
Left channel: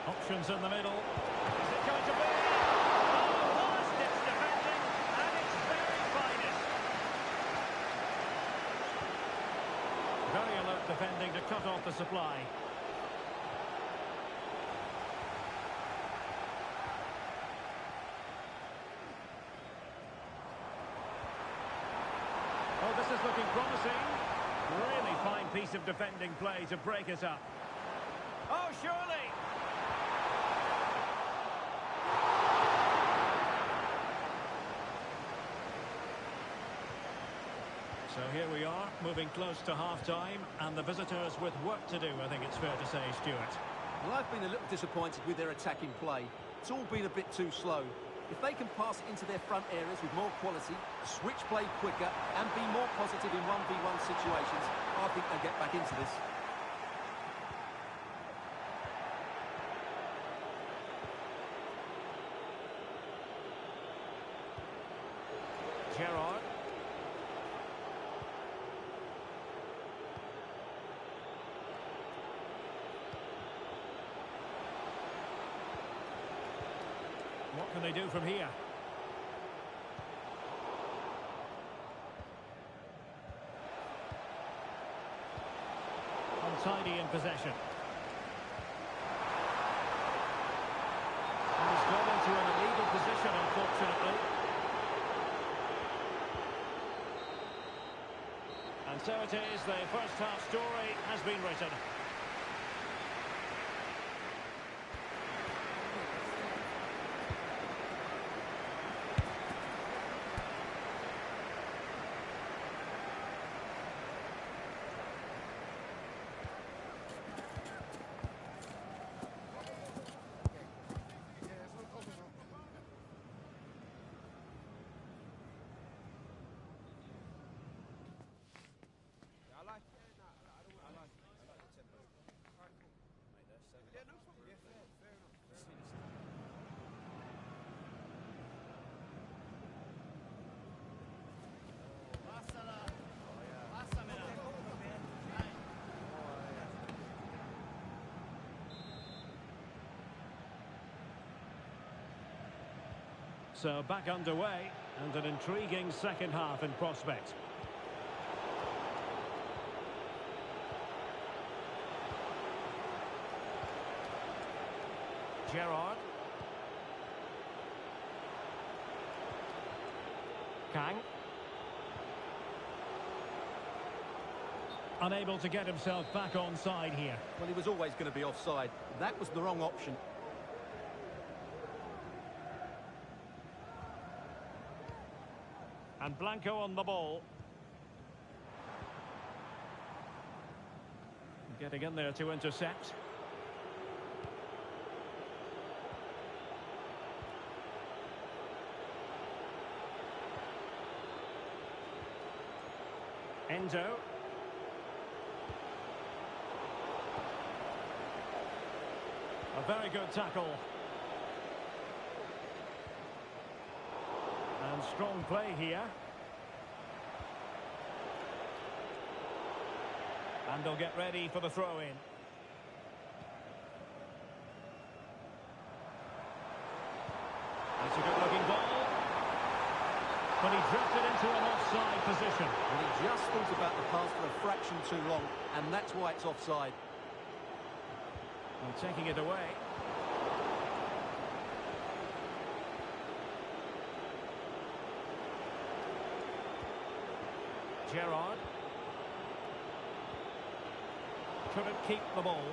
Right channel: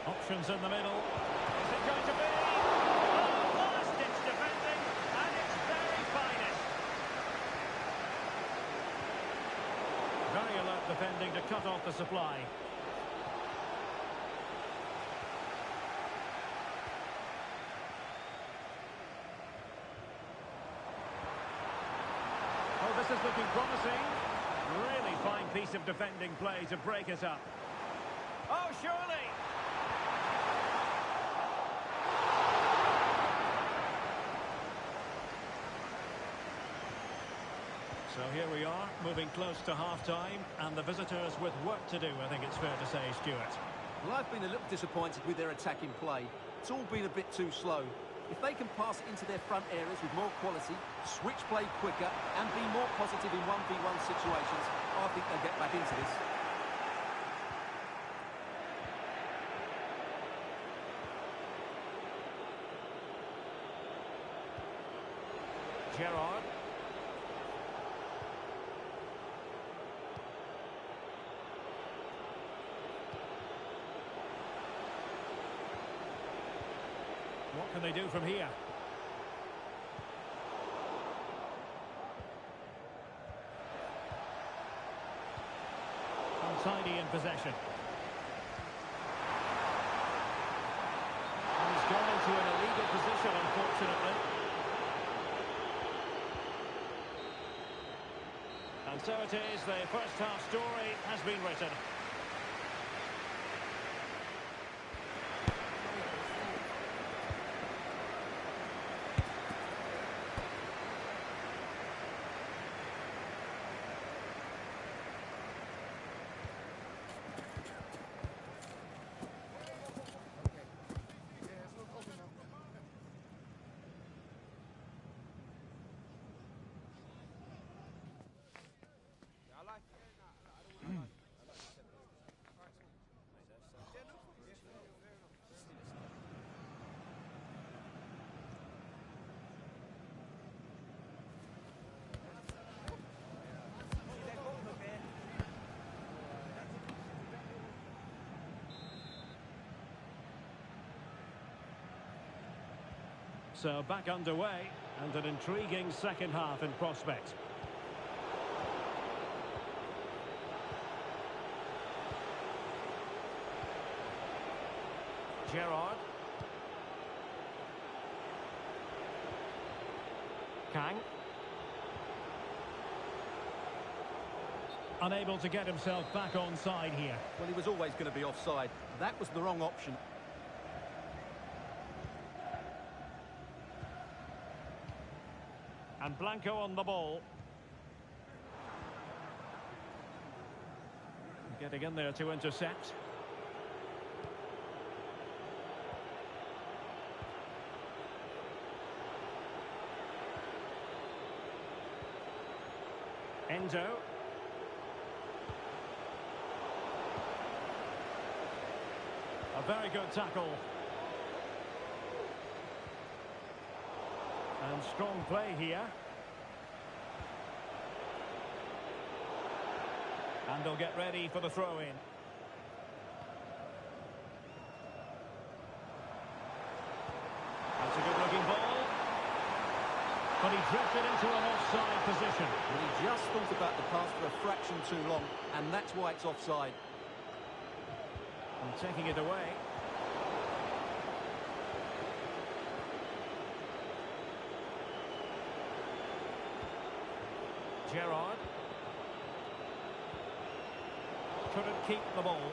Options in the middle. Is it going to be? Oh, last-ditch defending, and it's very finest. Very alert defending to cut off the supply. Oh, this is looking promising. Really fine piece of defending play to break it up. Oh, surely! So here we are, moving close to half-time, and the visitors with work to do, I think it's fair to say, Stuart. Well, I've been a little disappointed with their attacking play. It's all been a bit too slow. If they can pass it into their front areas with more quality, switch play quicker, and be more positive in 1v1 situations, I think they'll get back into this. Gerrard. What can they do from here? Untidy in possession. And he's gone into an illegal position, unfortunately. And so it is, the first half story has been written. So back underway, and an intriguing second half in prospect. Gerrard. Kang. Unable to get himself back on side here. Well, he was always going to be offside. That was the wrong option. And Blanco on the ball. Getting in there to intercept. Endo. A very good tackle. And strong play here. And they'll get ready for the throw-in. That's a good-looking ball. But he drifted into an offside position. Well, he just thought about the pass for a fraction too long, and that's why it's offside. And taking it away. Gerrard. Couldn't keep the ball.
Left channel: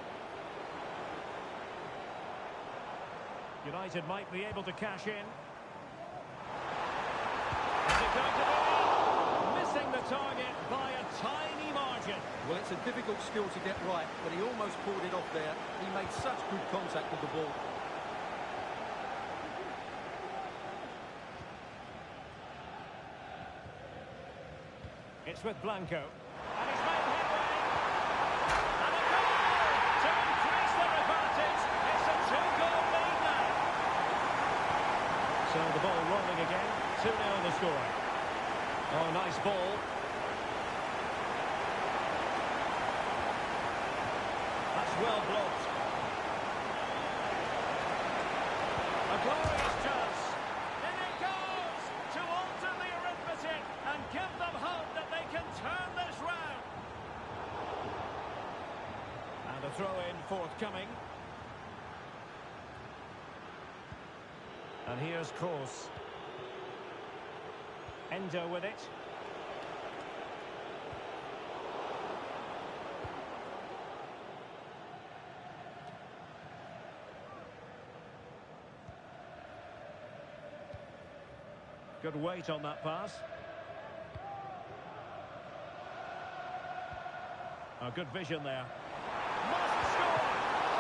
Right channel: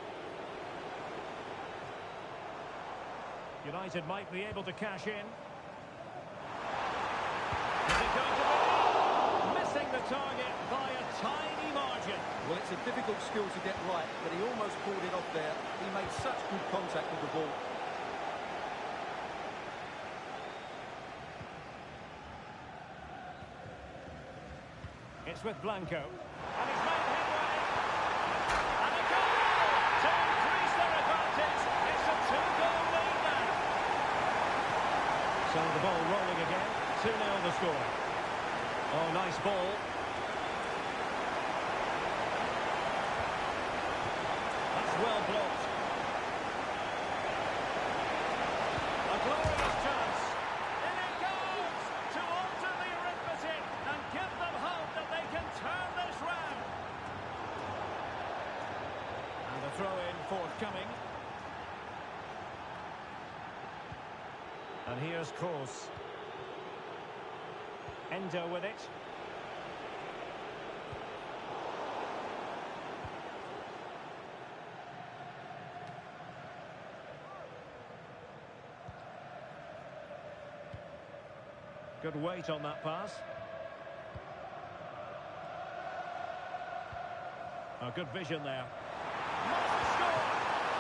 United might be able to cash in. Is it going to be? Missing the target by a tiny margin. Well, it's a difficult skill to get right, but he almost pulled it off there. He made such good contact with the ball. It's with Blanco. And he's made headway. And a goal to increase their advantage. It's a 2-goal lead now. So the ball rolling again. 2-0 the score. Oh, nice ball. That's well blocked. A glorious chance. In it goes to alter the arithmetic and give them hope that they can turn this round. And a throw-in forthcoming. And here's Kroos. Endo with it. Good weight on that pass. Oh, good vision there. Must score!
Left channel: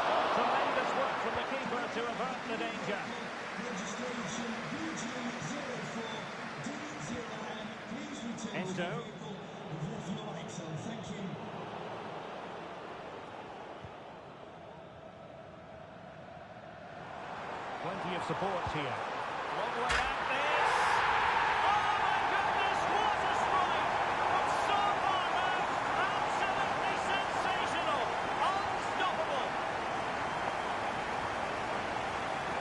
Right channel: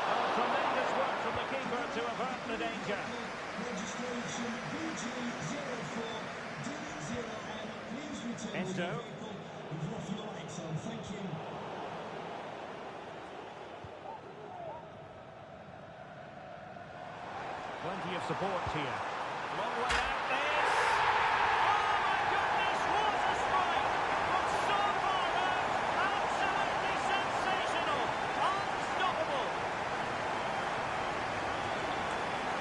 Oh, tremendous work from the keeper to avert the danger. Registration BG04D0M. Please return to the Endo. vehicle. You've left your lights on. Thank you. Plenty of support here. Long way out this. Oh my goodness, what a strike! From so far out, absolutely sensational, unstoppable.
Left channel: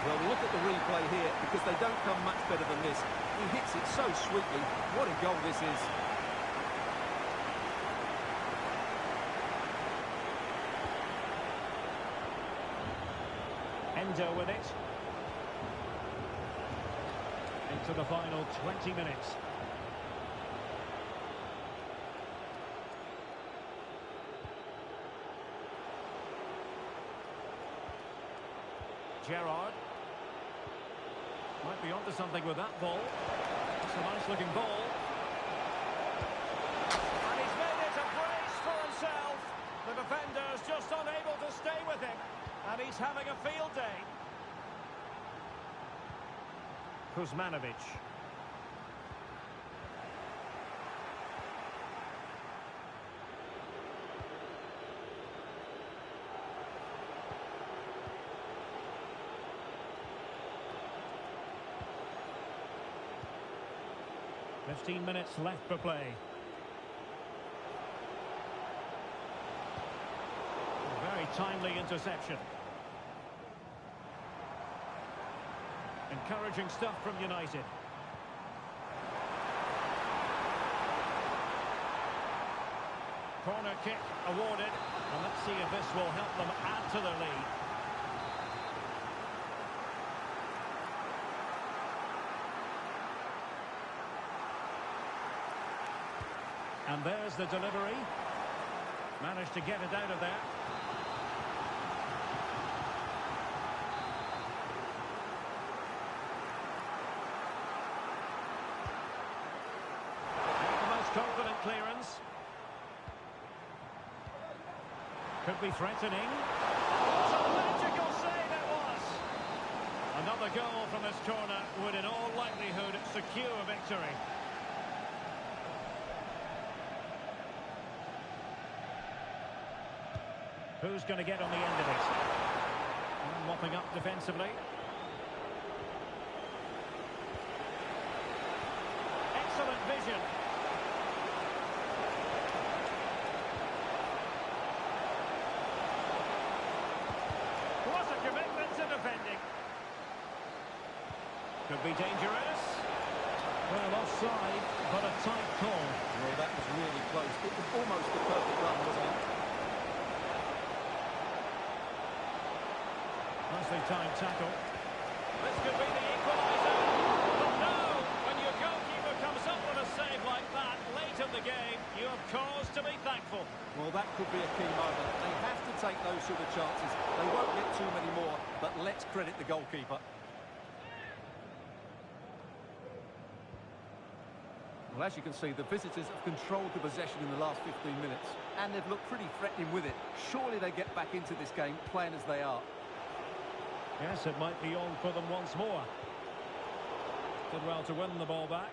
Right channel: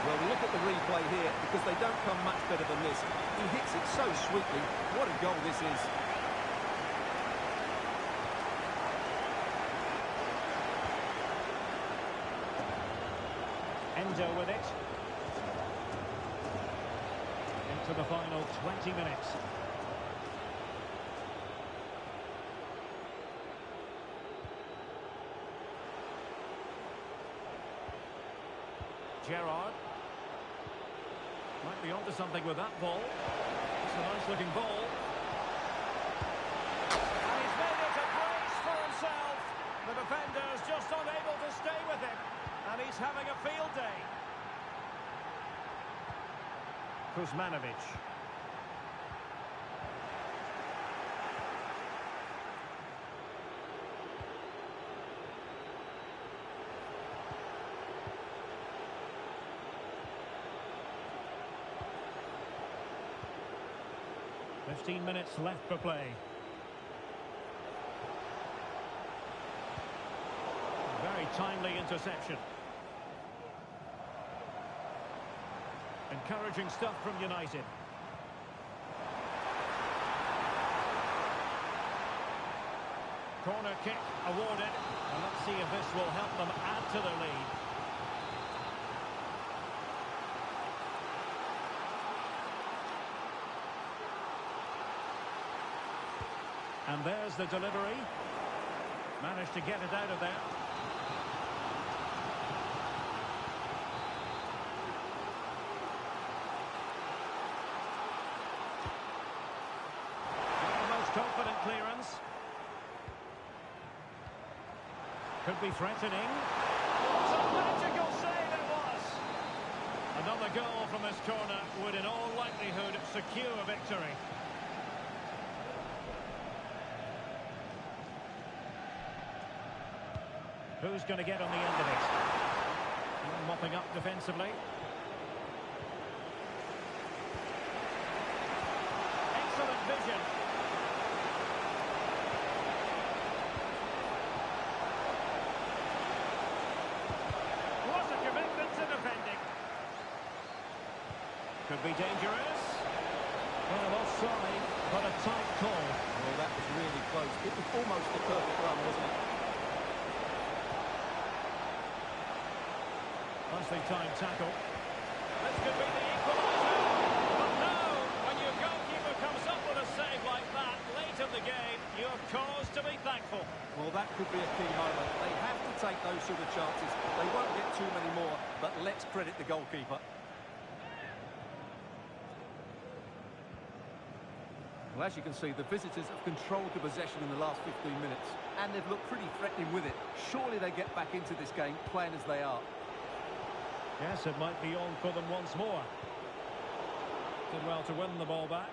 Well, look at the replay here, because they don't come much better than this. He hits it so sweetly. What a goal this is. Endo with it. Into the final 20 minutes. Gerrard. Might be onto something with that ball. It's a nice looking ball. And he's made it a brace for himself. The defender's just unable to stay with him. And he's having a field day. Kuzmanovic. "15 minutes left for play. A very timely interception. Encouraging stuff from United. Corner kick awarded. And let's see if this will help them add to their lead. And there's the delivery. Managed to get it out of there. Not the most confident clearance. Could be threatening. What a magical save it was! Another goal from this corner would in all likelihood secure victory. Who's going to get on the end of it? And mopping up defensively. Excellent vision. What a commitment to defending. Could be dangerous. Well, offside, but a tight call. Well, that was really close. It was almost the perfect run, wasn't it? Nicely timed tackle. This could be the equaliser. But no, when your goalkeeper comes up with a save like that late in the game, you have cause to be thankful. Well, that could be a key moment. They have to take those sort of chances. They won't get too many more, but let's credit the goalkeeper. Well, as you can see, the visitors have controlled the possession in the last 15 minutes, and they've looked pretty threatening with it. Surely they get back into this game playing as they are. Yes, it might be on for them once more. Did well to win the ball back.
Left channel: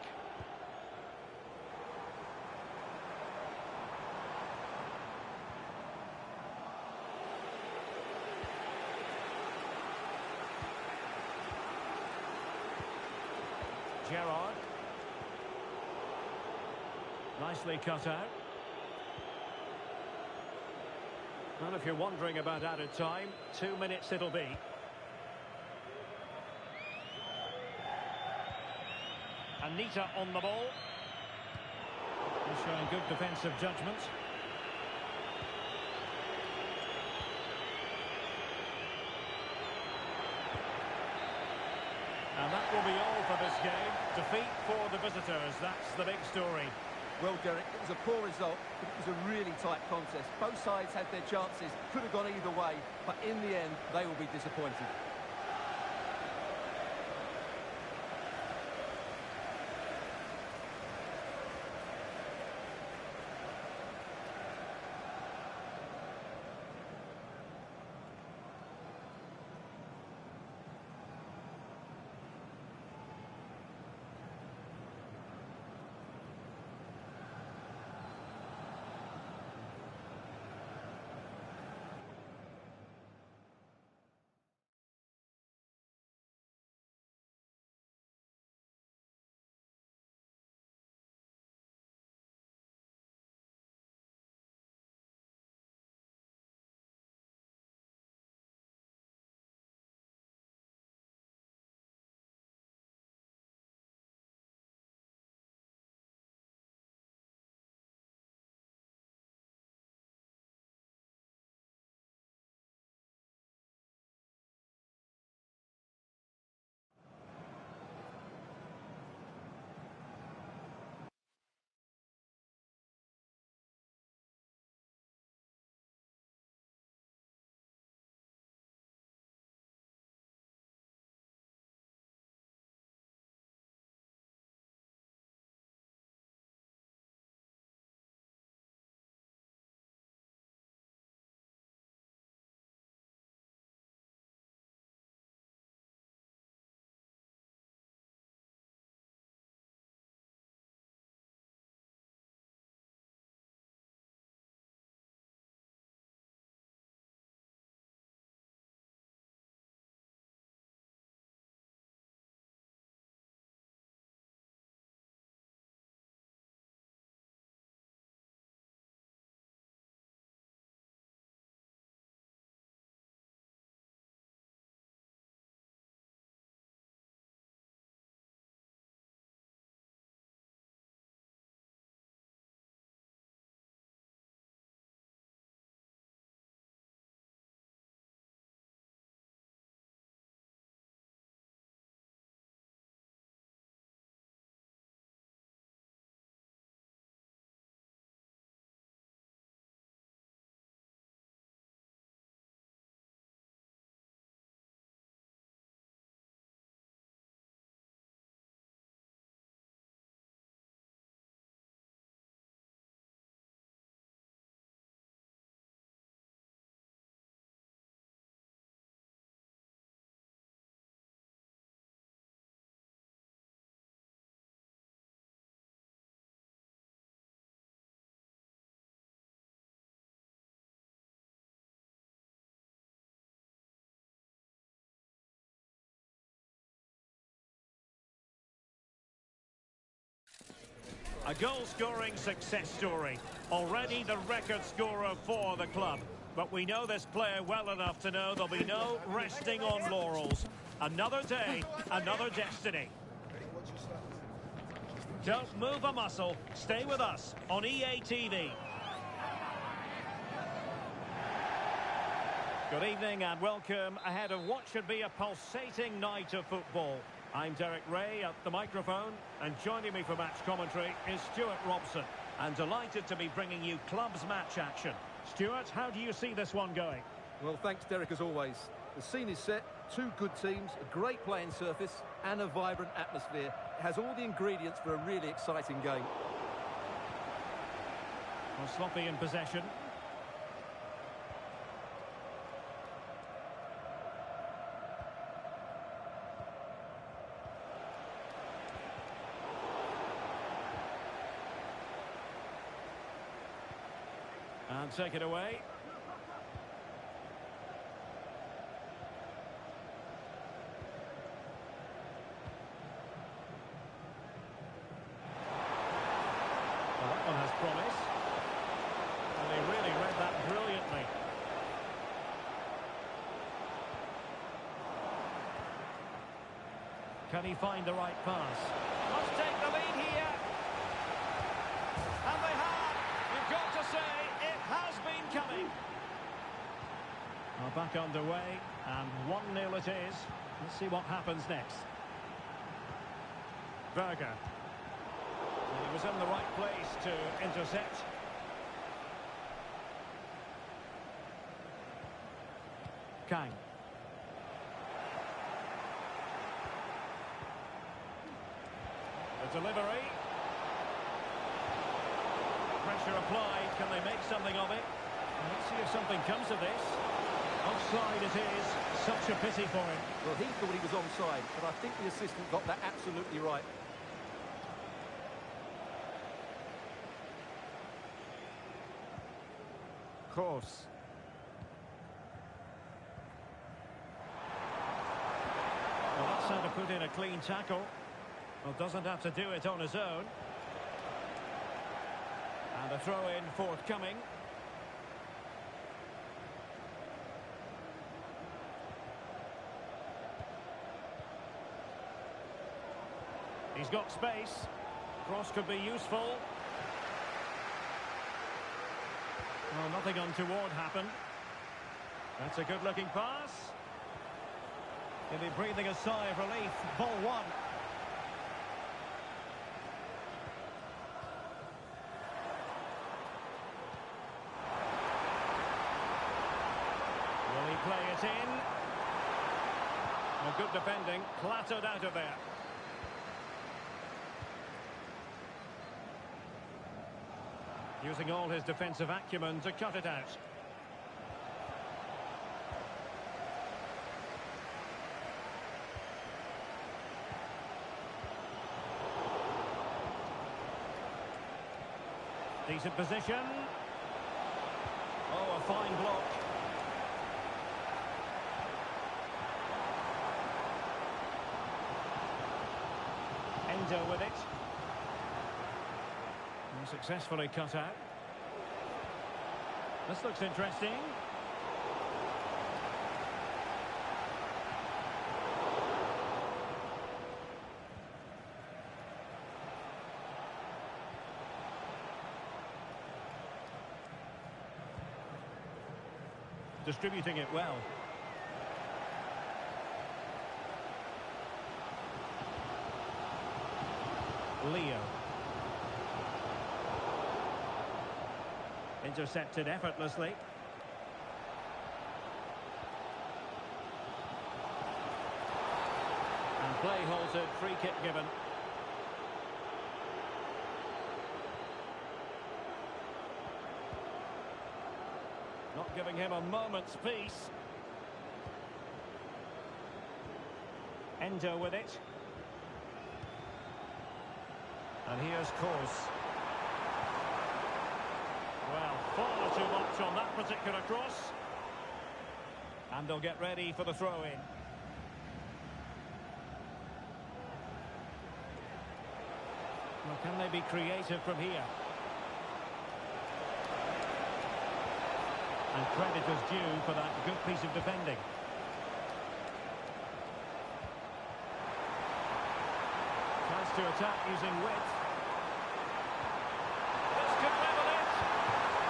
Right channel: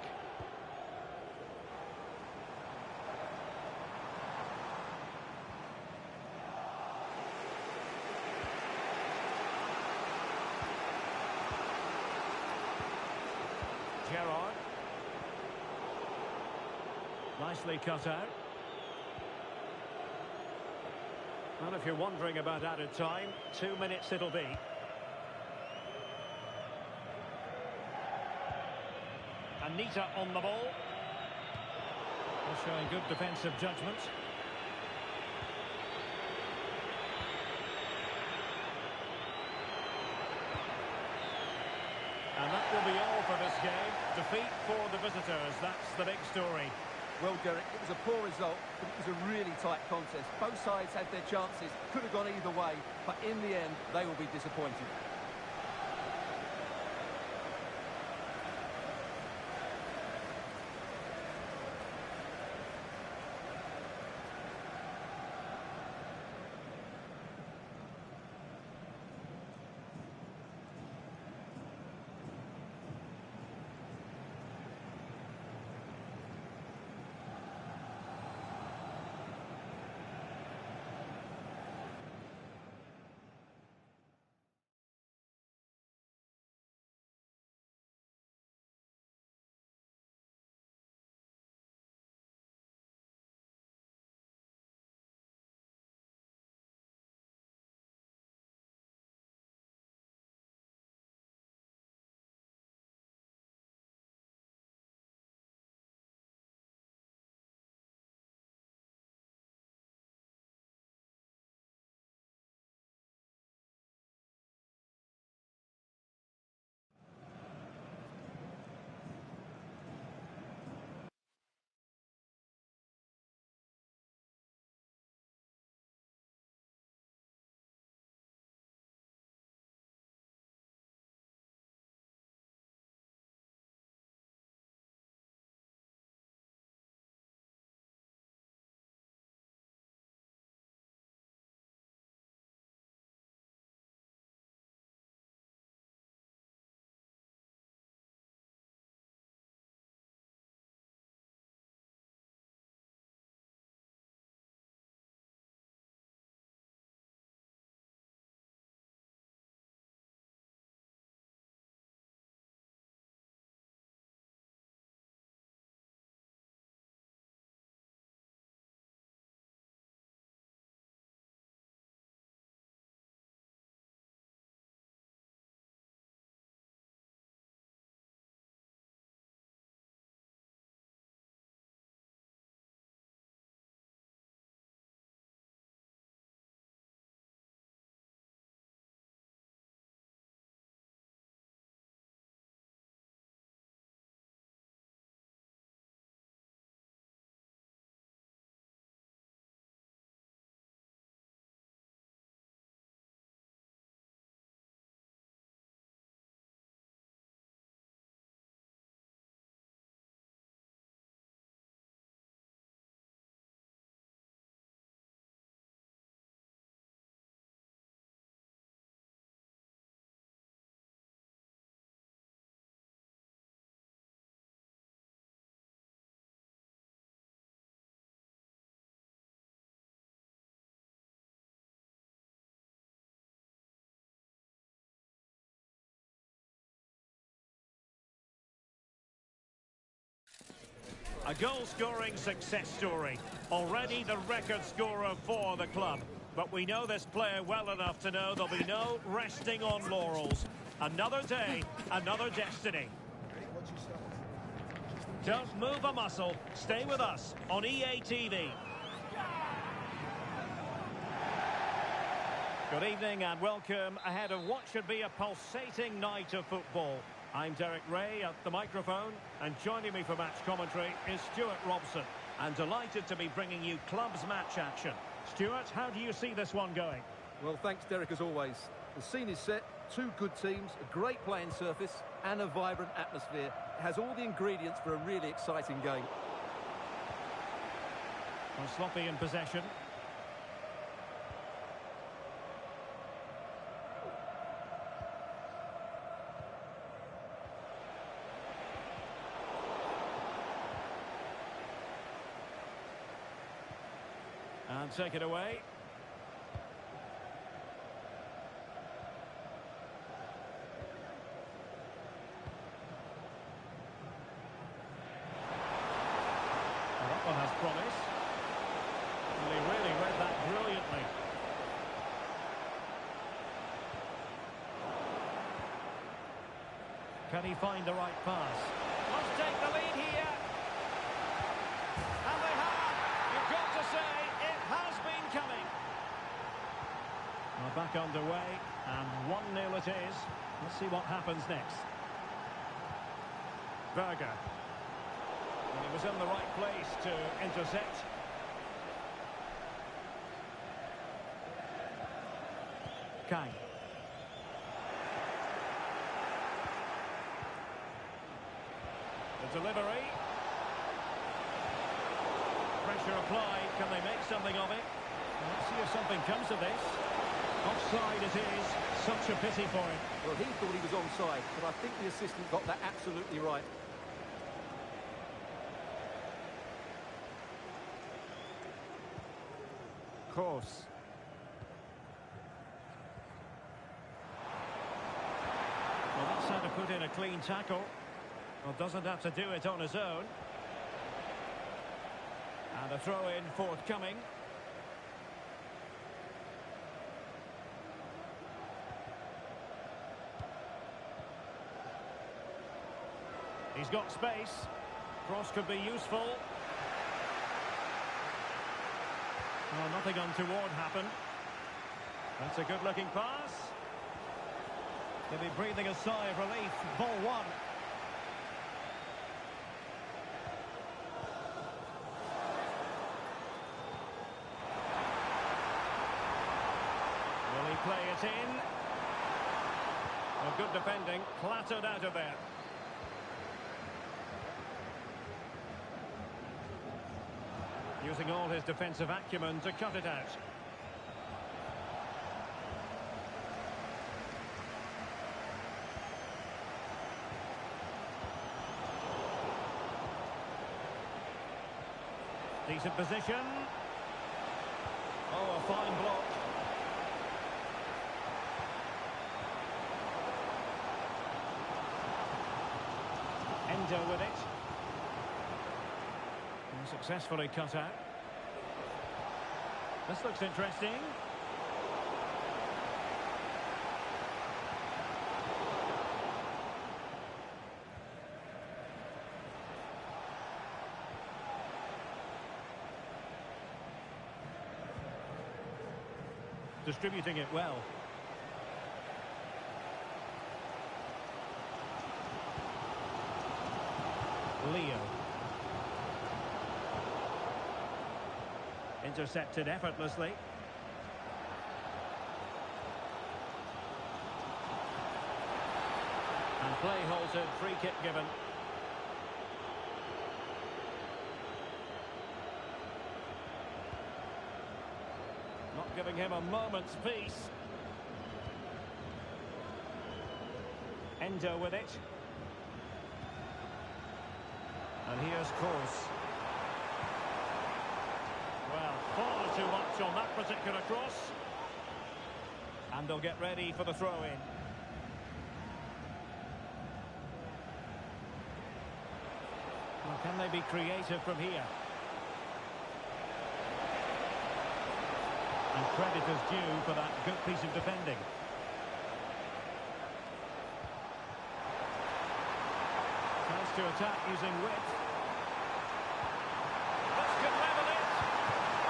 Gerrard. Nicely cut out. Well, if you're wondering about added time, 2 minutes it'll be. Anita on the ball. They're showing good defensive judgment. And that will be all for this game. Defeat for the visitors. That's the big story. Well, Derek, it was a poor result, but it was a really tight contest. Both sides had their chances, could have gone either way, but in the end, they will be disappointed. A goal-scoring success story. Already the record scorer for the club. But we know this player well enough to know there'll be no resting on laurels. Another day, another destiny. Don't move a muscle. Stay with us on EA TV. Good evening and welcome ahead of what should be a pulsating night of football. I'm Derek Ray at the microphone, and joining me for match commentary is Stuart Robson. And delighted to be bringing you club's match action. Stuart, how do you see this one going? Well, thanks, Derek, as always. The scene is set, two good teams, a great playing surface, and a vibrant atmosphere. It has all the ingredients for a really exciting game. Well, sloppy in possession. And take it away. Well, that one Can he find the right pass? Must take the lead here. And they have. You've got to say, it has been coming. Well, back underway, and 1-0 it is. Let's see what happens next. Berger. And he was in the right place to intercept. Kang. The delivery. Pressure applied. Can they make something of it? Well, let's see if something comes of this. Offside it is. Such a pity for him. Well, he thought he was onside, but I think the assistant got that absolutely right. Course. Well, that's how to put in a clean tackle. Well, doesn't have to do it on his own. And a throw-in forthcoming. He's got space. Cross could be useful. Well, nothing untoward happened. That's a good-looking pass. He'll be breathing a sigh of relief. Ball one. Will he play it in? Well, good defending. Clattered out of there. Using all his defensive acumen to cut it out. Decent position. Oh, a fine block. Endo with it. And successfully cut out. This looks interesting. Distributing it well. Leo. Intercepted effortlessly. And play halted, free kick given. Not giving him a moment's peace. Endo with it. And here's Course. Well, far too much on that particular cross. And they'll get ready for the throw-in. Well, can they be creative from here? And credit is due for that good piece of defending. Chance to attack using width. This could level it.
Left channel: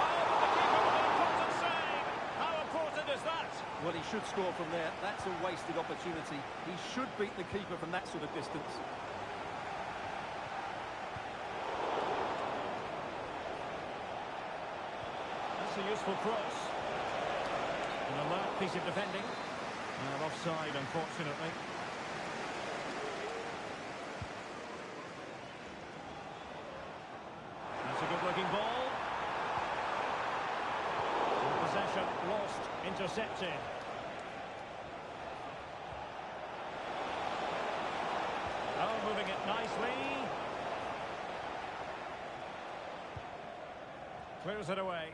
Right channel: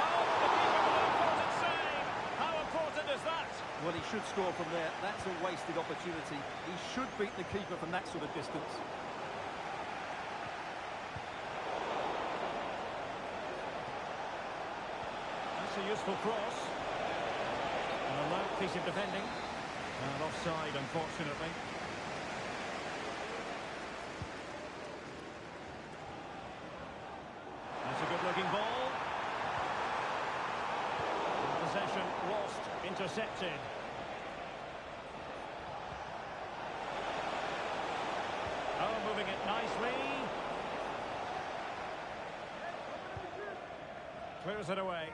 Oh, but the keeper with an important save. How important is that? Well, he should score from there. That's a wasted opportunity. He should beat the keeper from that sort of distance. That's a useful cross. An alert piece of defending. And offside, unfortunately. That's a good-looking ball. And possession lost, intercepted. Oh, moving it nicely. Clears it away.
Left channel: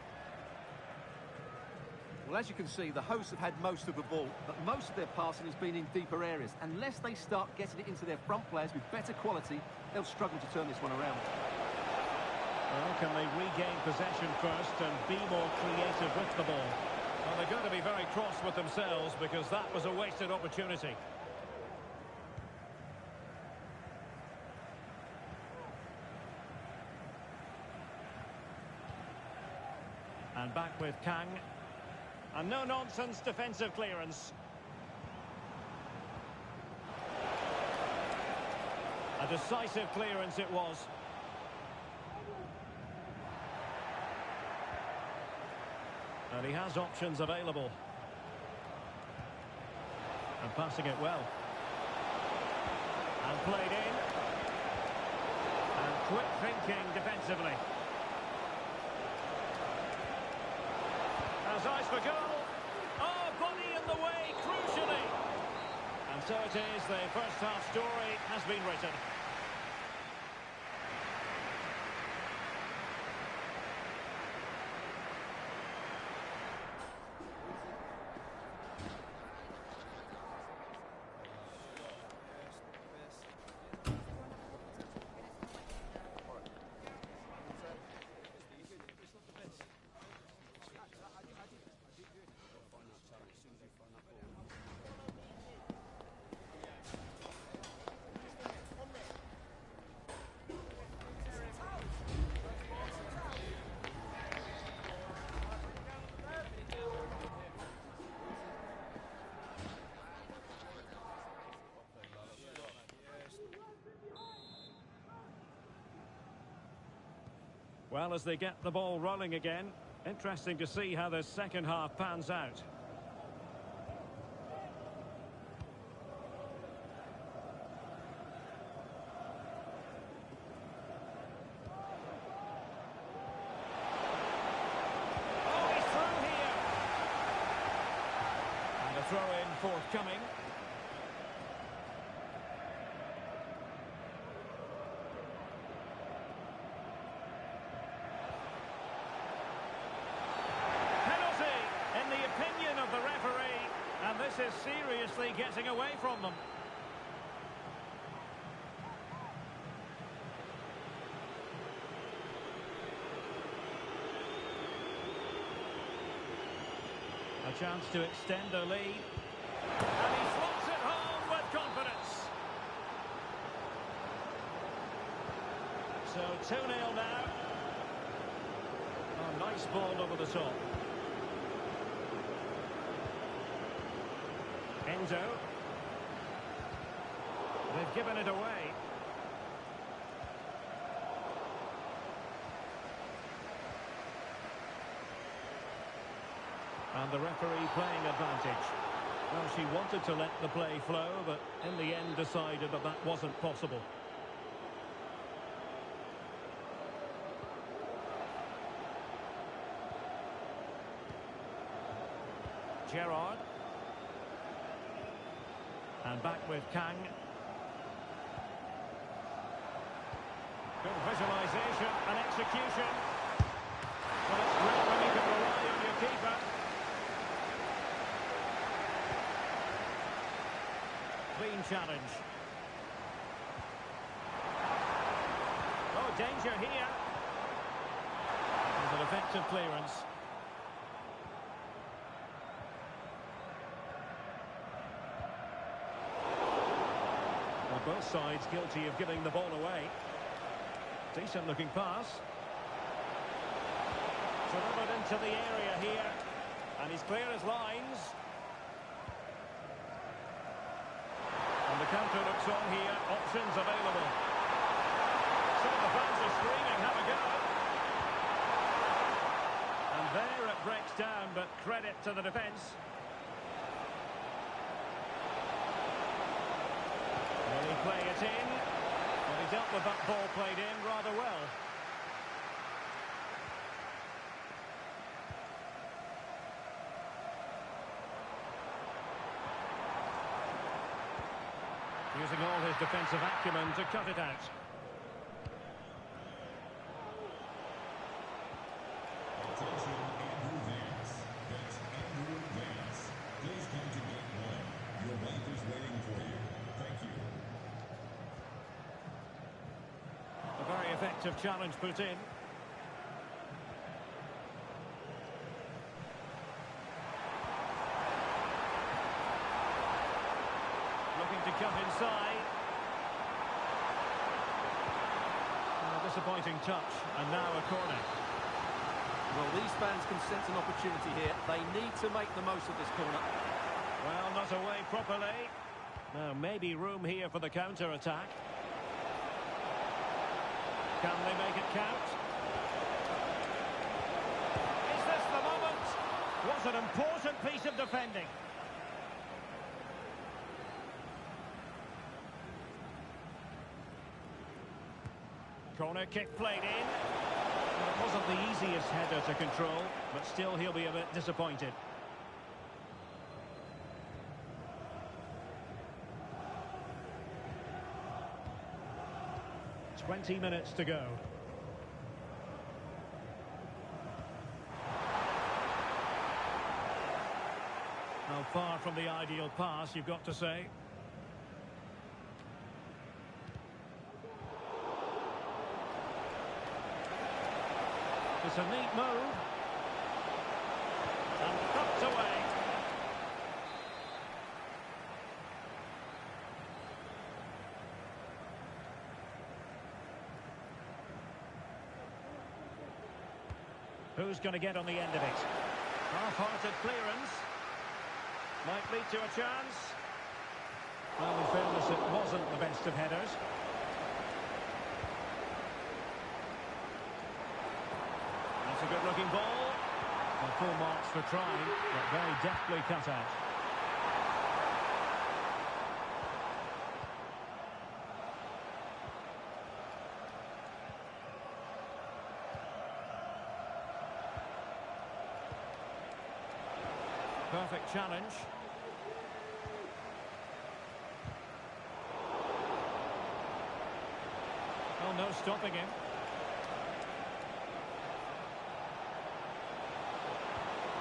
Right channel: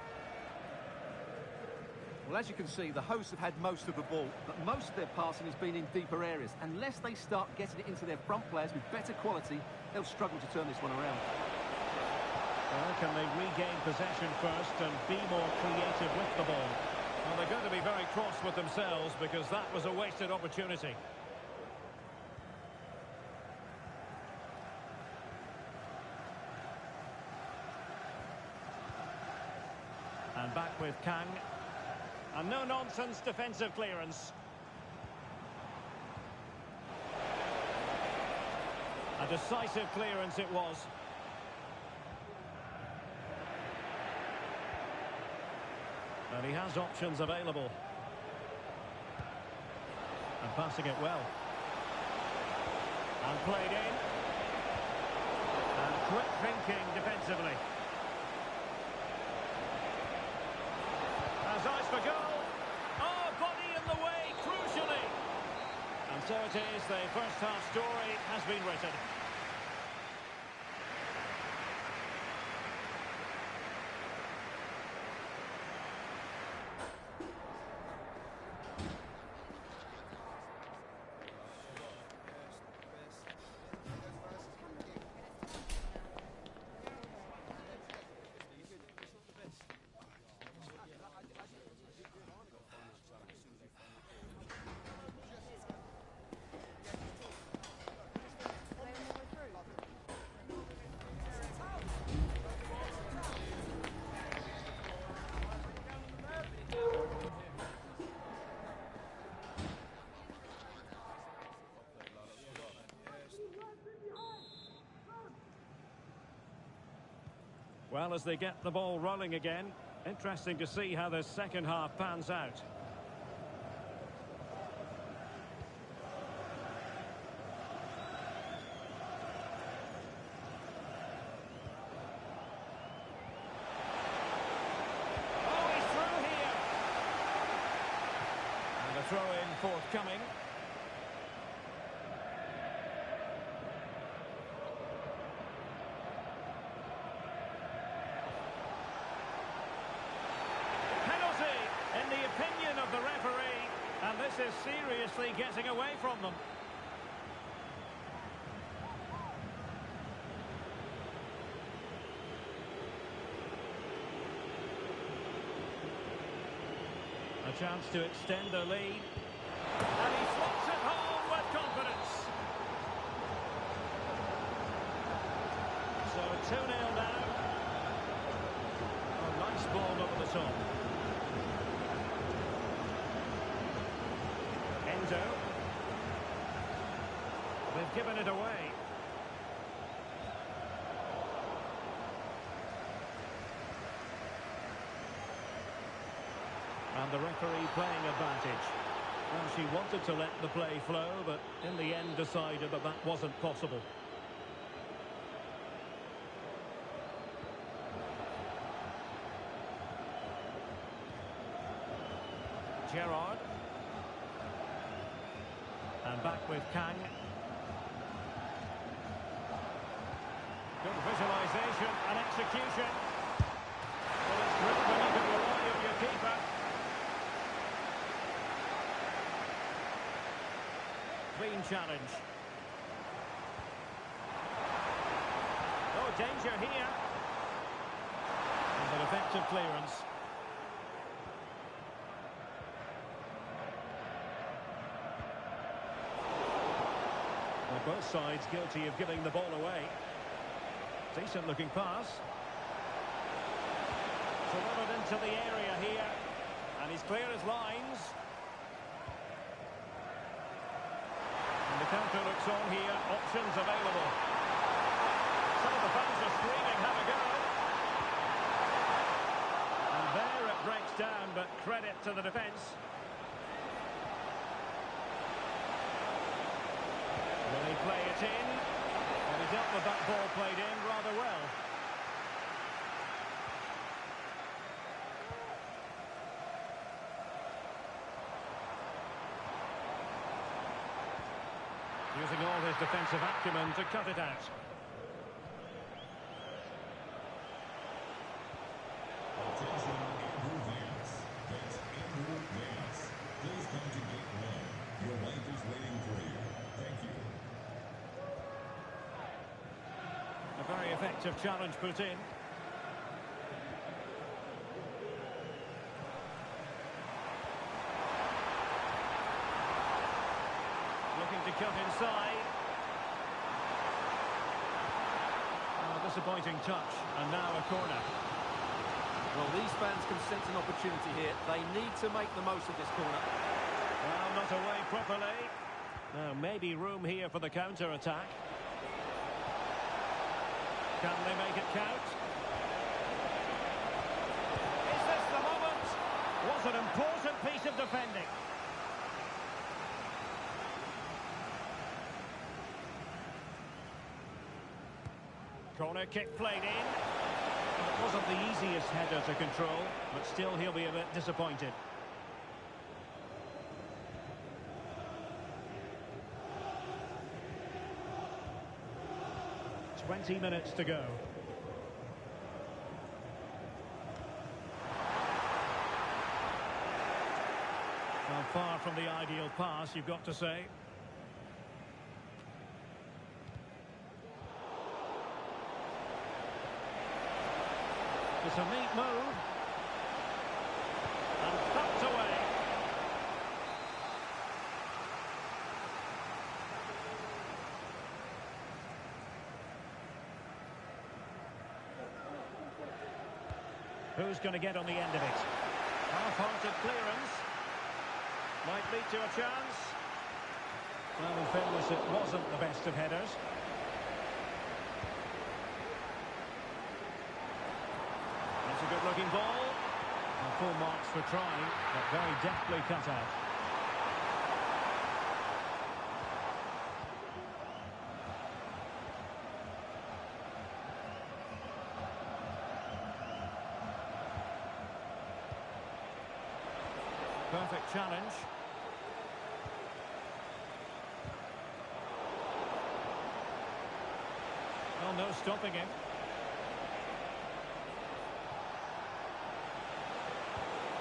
Well, as you can see, the hosts have had most of the ball, but most of their passing has been in deeper areas. Unless they start getting it into their front players with better quality, they'll struggle to turn this one around. Well, can they regain possession first and be more creative with the ball? Well, they're going to be very cross with themselves because that was a wasted opportunity. with Kang. And no-nonsense defensive clearance. A decisive clearance it was. And he has options available. And passing it well. And played in. And quick thinking defensively. Has eyes for goal. Oh, body in the way, crucially. And so it is, the first half story has been written. Well, as they get the ball rolling again, interesting to see how the second half pans out. Oh, he's through here. And a throw-in forthcoming. In the opinion of the referee, and this is seriously getting away from them. A chance to extend their lead. And he slots it home with confidence. So 2-0 now. Oh, nice ball over the top. Enzo. They've given it away. And the referee playing advantage. Well, she wanted to let the play flow, but in the end decided that that wasn't possible. Gerrard. And back with Kang. Good visualisation and execution. Well, it's great when you can rely on your keeper. Clean challenge. Oh, danger here. And an effective clearance. Well, both sides guilty of giving the ball away. Decent looking pass. Delivered into the area here. And he's clear as lines. And the counter looks on here. Options available. Some of the fans are screaming, have a go. And there it breaks down, but credit to the defence. Will he play it in? Well, he dealt with that ball played in rather well. Using all his defensive acumen to cut it out. Attention, Andrew Vance. That's Andrew Vance. Please come to gate 1. Your wife is waiting for you. Thank you. A very effective challenge put in. Looking to cut inside. Oh, disappointing touch, and now a corner. Well, these fans can sense an opportunity here. They need to make the most of this corner. Well, not away properly. Now, maybe room here for the counter-attack. Can they make it count? Is this the moment? Was an important piece of defending. Corner kick played in. Well, it wasn't the easiest header to control, but still he'll be a bit disappointed. "20 minutes to go. Well, far from the ideal pass, you've got to say. It's a neat move. And thumped away. Who's going to get on the end of it? Half-hearted clearance. Might lead to a chance. Well, in fairness, it wasn't the best of headers. That's a good-looking ball. Well, full marks for trying, but very deftly cut out. Perfect challenge. Well, no stopping him.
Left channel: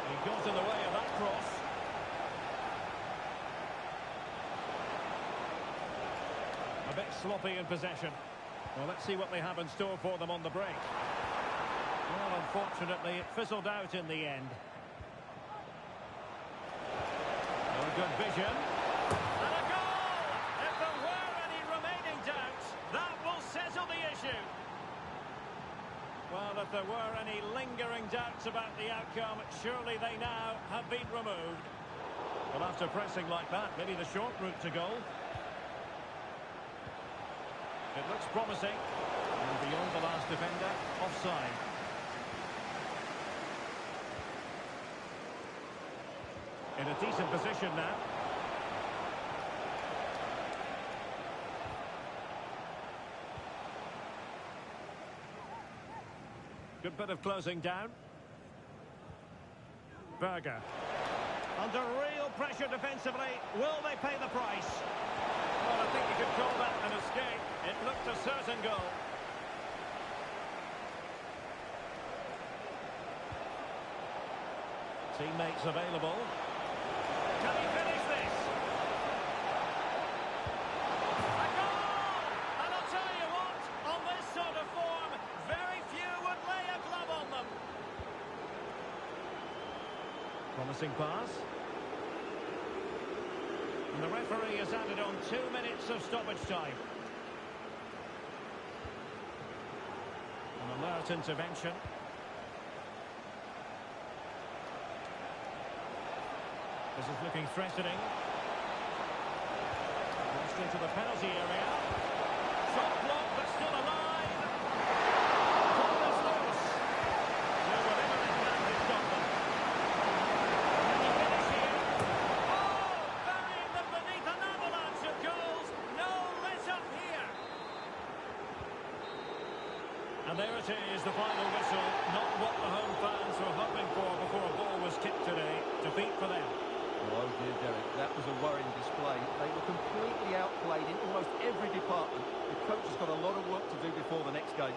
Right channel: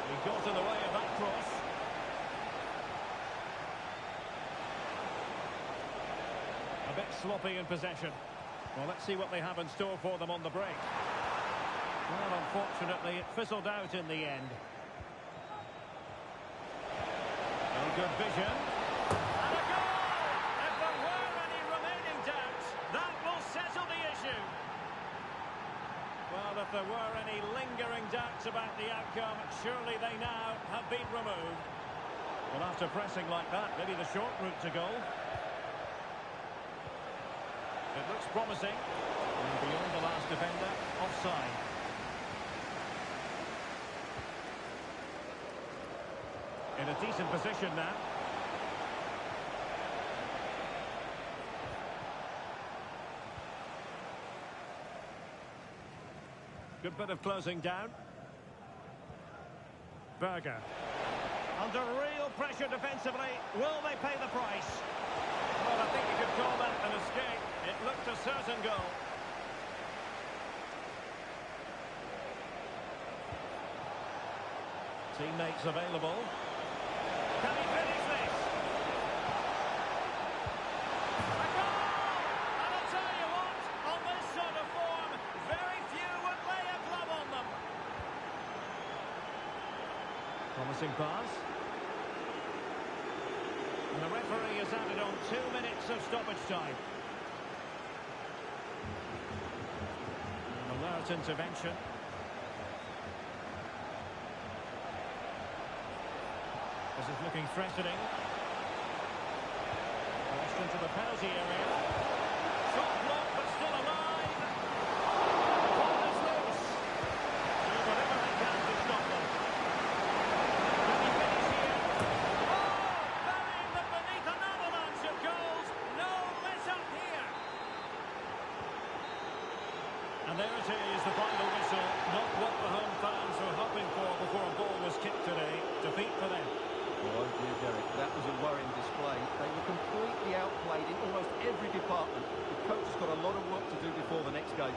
He got in the way of that cross. A bit sloppy in possession. Well, let's see what they have in store for them on the break. Well, unfortunately, it fizzled out in the end. No good vision. And a goal! If there were any remaining doubts, that will settle the issue. Well, if there were any lingering doubts about the outcome, surely they now have been removed. Well, after pressing like that, maybe the short route to goal. It looks promising. And beyond the last defender, offside. In a decent position now. Good bit of closing down. Berger. Under real pressure defensively. Will they pay the price? Well, I think you could call that an escape. It looked a certain goal. Teammates available. Can he finish this? A goal! And I'll tell you what, on this sort of form, very few would lay a glove on them. Promising pass. And the referee has added on 2 minutes of stoppage time. An alert intervention. This is looking threatening. Crossed into the penalty area. Shot blocked, but still alive. Ball is loose. Do whatever they can to stop them. Can he finish here? Oh! Burying them beneath an avalanche of goals. No let up here. And there it is, the final whistle. Not what the home fans were hoping for before a ball was kicked today. Defeat for them. Oh dear, Derek, that was a worrying display. They were completely outplayed in almost every department. The coach has got a lot of work to do before the next game.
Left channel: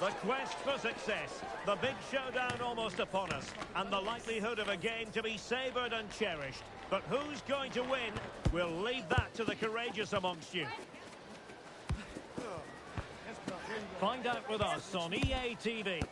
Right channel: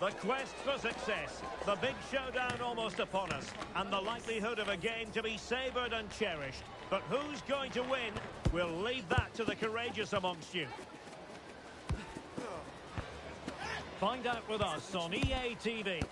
The quest for success, the big showdown almost upon us, and the likelihood of a game to be savoured and cherished. But who's going to win? We'll leave that to the courageous amongst you. Find out with us on EA TV.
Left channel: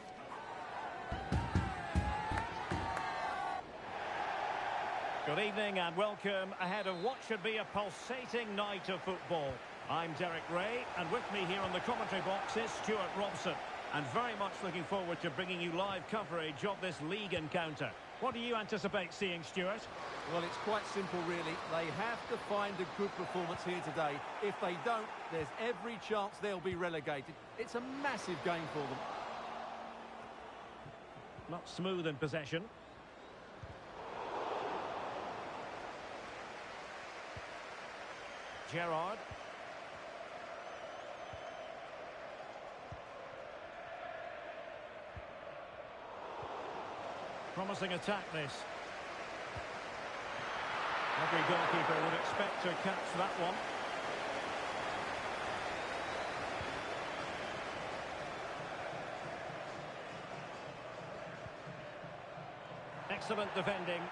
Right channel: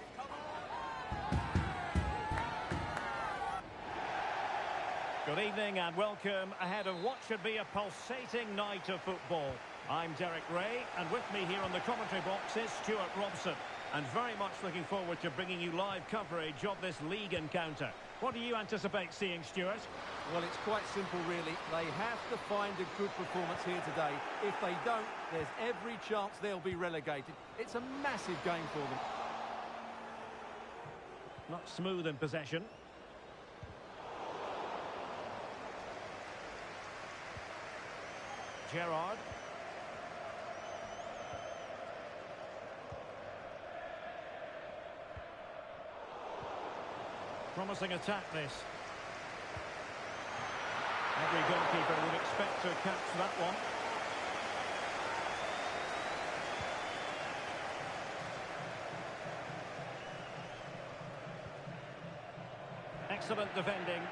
Good evening and welcome ahead of what should be a pulsating night of football. I'm Derek Ray, and with me here on the commentary box is Stuart Robson. And very much looking forward to bringing you live coverage of this league encounter. What do you anticipate seeing, Stuart? Well, it's quite simple, really. They have to find a good performance here today. If they don't, there's every chance they'll be relegated. It's a massive game for them. Not smooth in possession. Gerrard. Promising attack, this. Every goalkeeper would expect to catch that one. Excellent defending.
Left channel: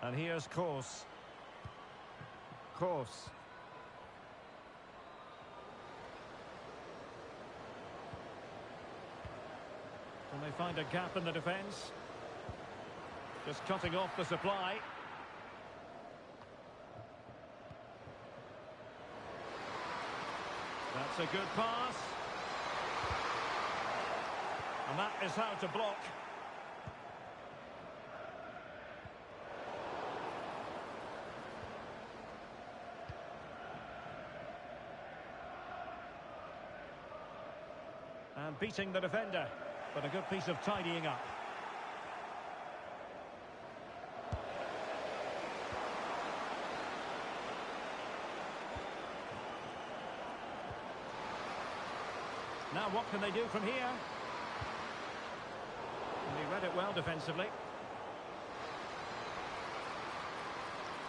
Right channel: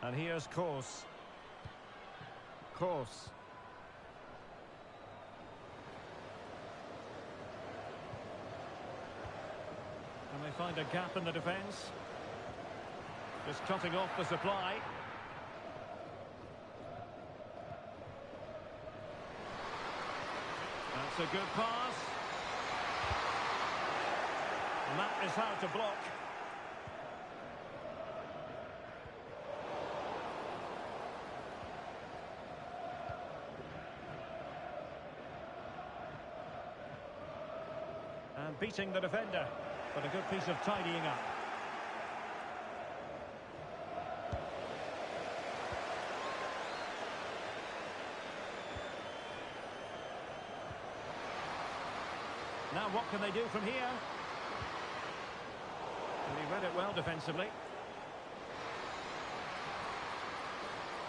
And here's Course. Course. Can they find a gap in the defence? Just cutting off the supply. That's a good pass. And that is how to block. And beating the defender. But a good piece of tidying up. Now what can they do from here? And he read it well defensively.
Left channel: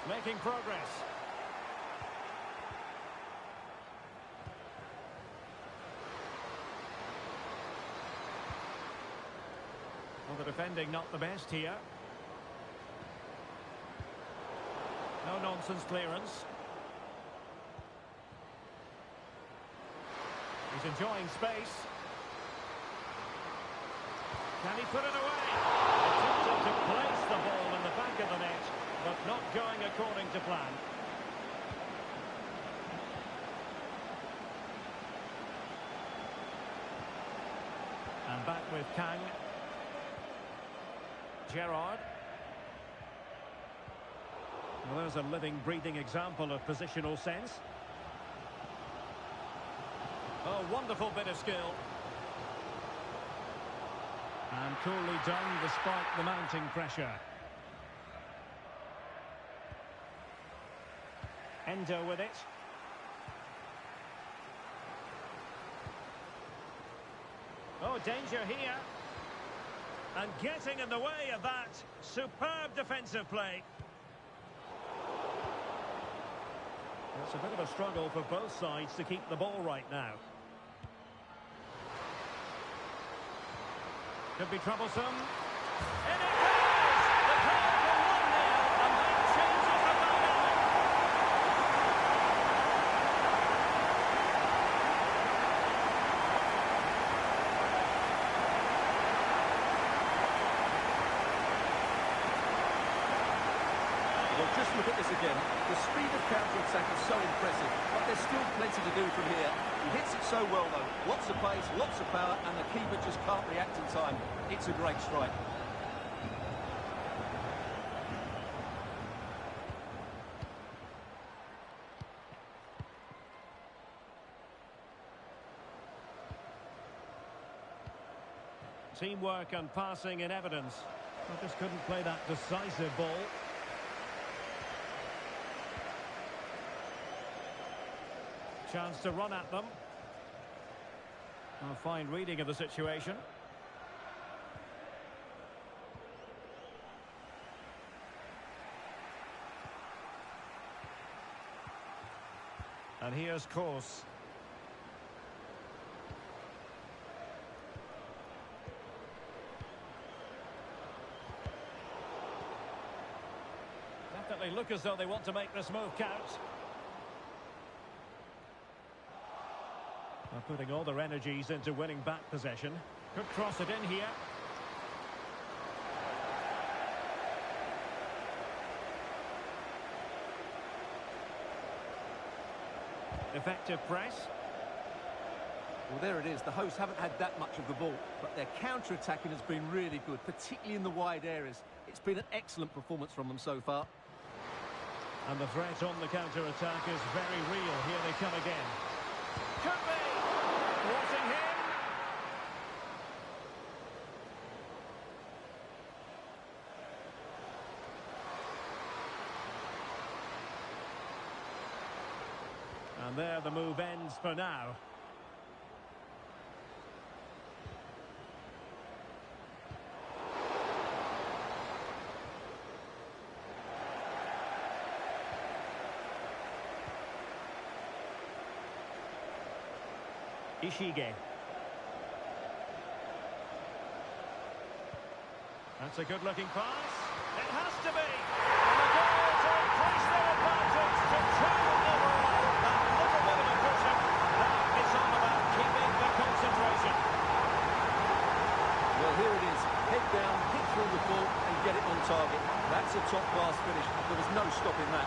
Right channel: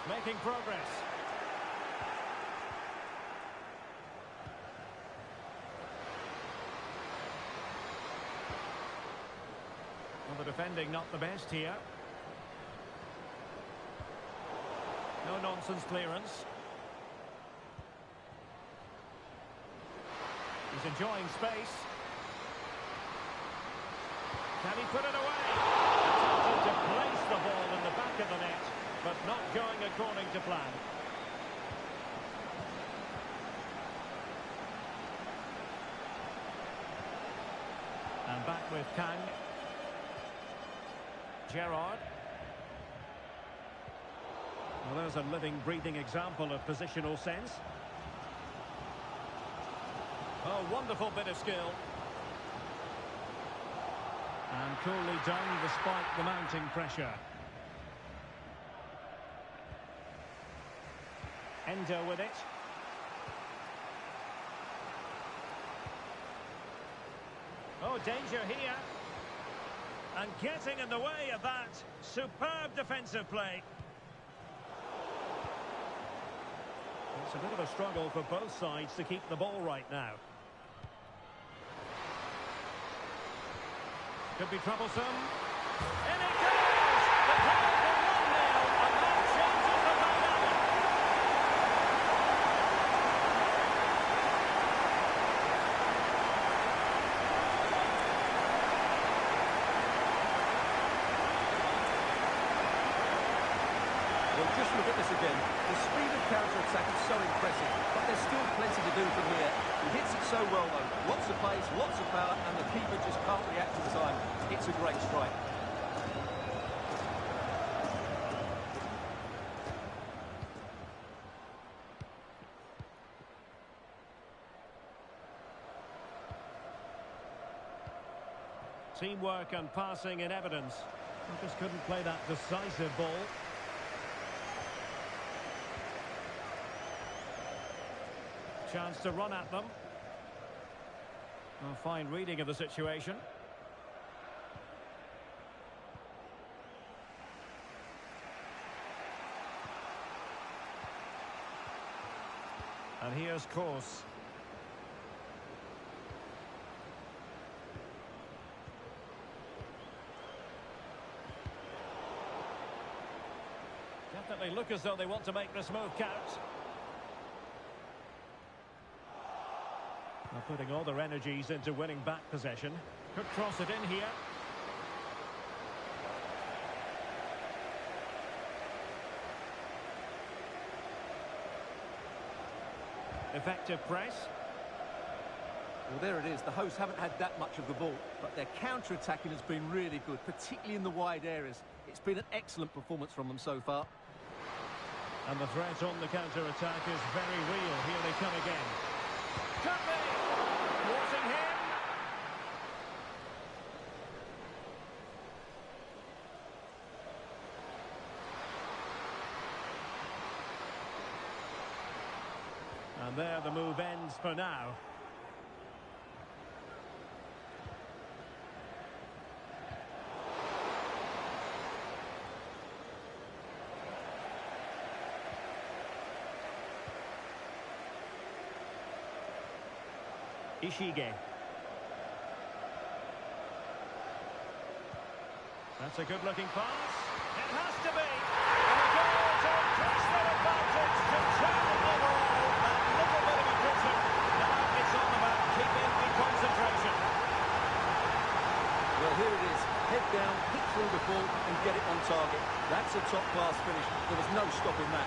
Making progress. Well, the defending not the best here. No nonsense clearance. He's enjoying space. Can he put it away? Attempting to place the ball in the back of the net, but not going according to plan. And back with Kang. Gerrard. Well, there's a living, breathing example of positional sense. Oh, wonderful bit of skill. And coolly done despite the mounting pressure. Ender with it. Oh, danger here. And getting in the way of that. Superb defensive play. It's a bit of a struggle for both sides to keep the ball right now. Could be troublesome. In it goes! The goal for 1-0, and that changes the dynamic. Well, just look at this again. The speed of counter-attack is so impressive, but there's still plenty to do from here. He hits it so well, though. Lots of pace, lots of power, and the keeper just can't react in time. It's a great strike. Teamwork and passing in evidence. Well, just couldn't play that decisive ball. Chance to run at them. A fine reading of the situation. And here's Course. Definitely look as though they want to make this move count. They're putting all their energies into winning back possession. Could cross it in here. Effective press. Well, there it is. The hosts haven't had that much of the ball, but their counter-attacking has been really good, particularly in the wide areas. It's been an excellent performance from them so far. And the threat on the counter-attack is very real. Here they come again. Could be! Thwarting him. And there the move ends for now. Ishige. That's a good-looking pass. It has to be. And a goal to increase their advantage to 2 overall. That little bit of a cushion. Now it's on about keeping the concentration. Well, here it is. Head down, hit through the ball and get it on target. That's a top-class finish. There was no stopping that.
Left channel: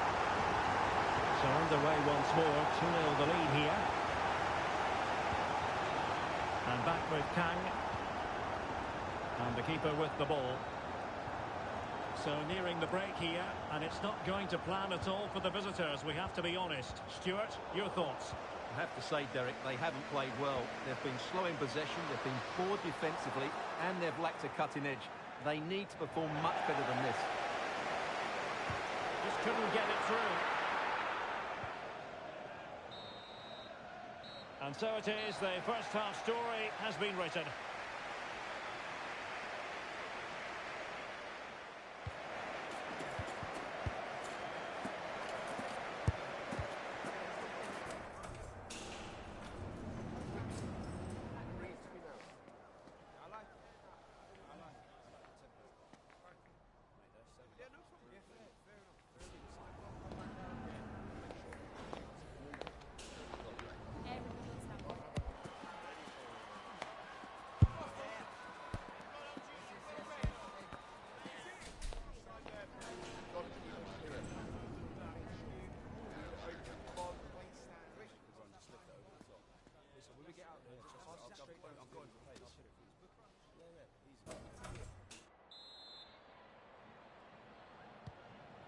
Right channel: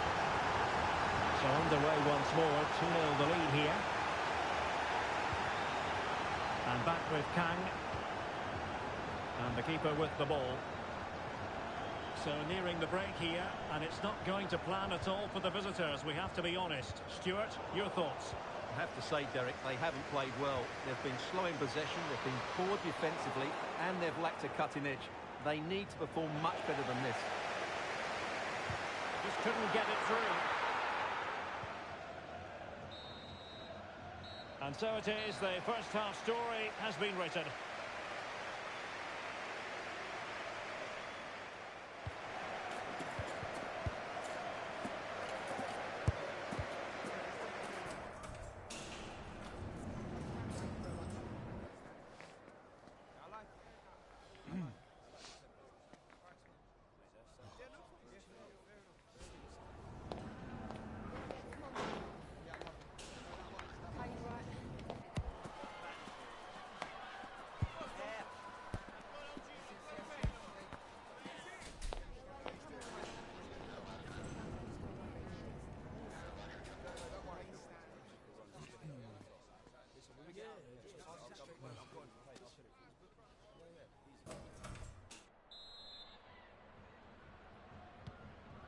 So underway once more. 2-0 the lead here. And back with Kang. And the keeper with the ball. So nearing the break here, and it's not going to plan at all for the visitors, we have to be honest. Stuart, your thoughts? I have to say, Derek, they haven't played well. They've been slow in possession, they've been poor defensively, and they've lacked a cutting edge. They need to perform much better than this. Just couldn't get it through. And so it is, the first half story has been written.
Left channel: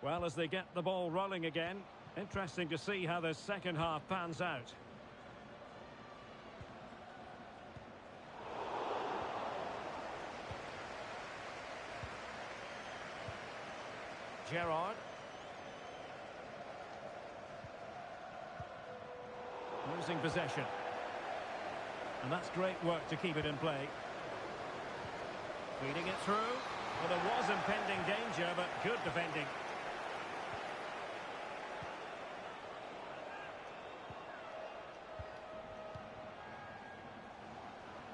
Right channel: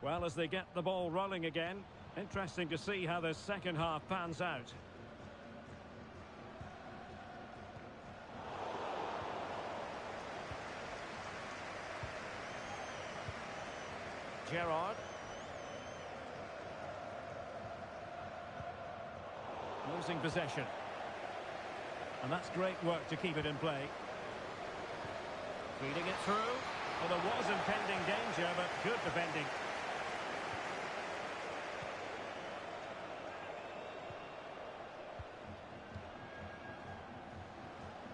Well, as they get the ball rolling again, interesting to see how the second half pans out. Gerrard. Losing possession. And that's great work to keep it in play. Feeding it through. Well, there was impending danger, but good defending.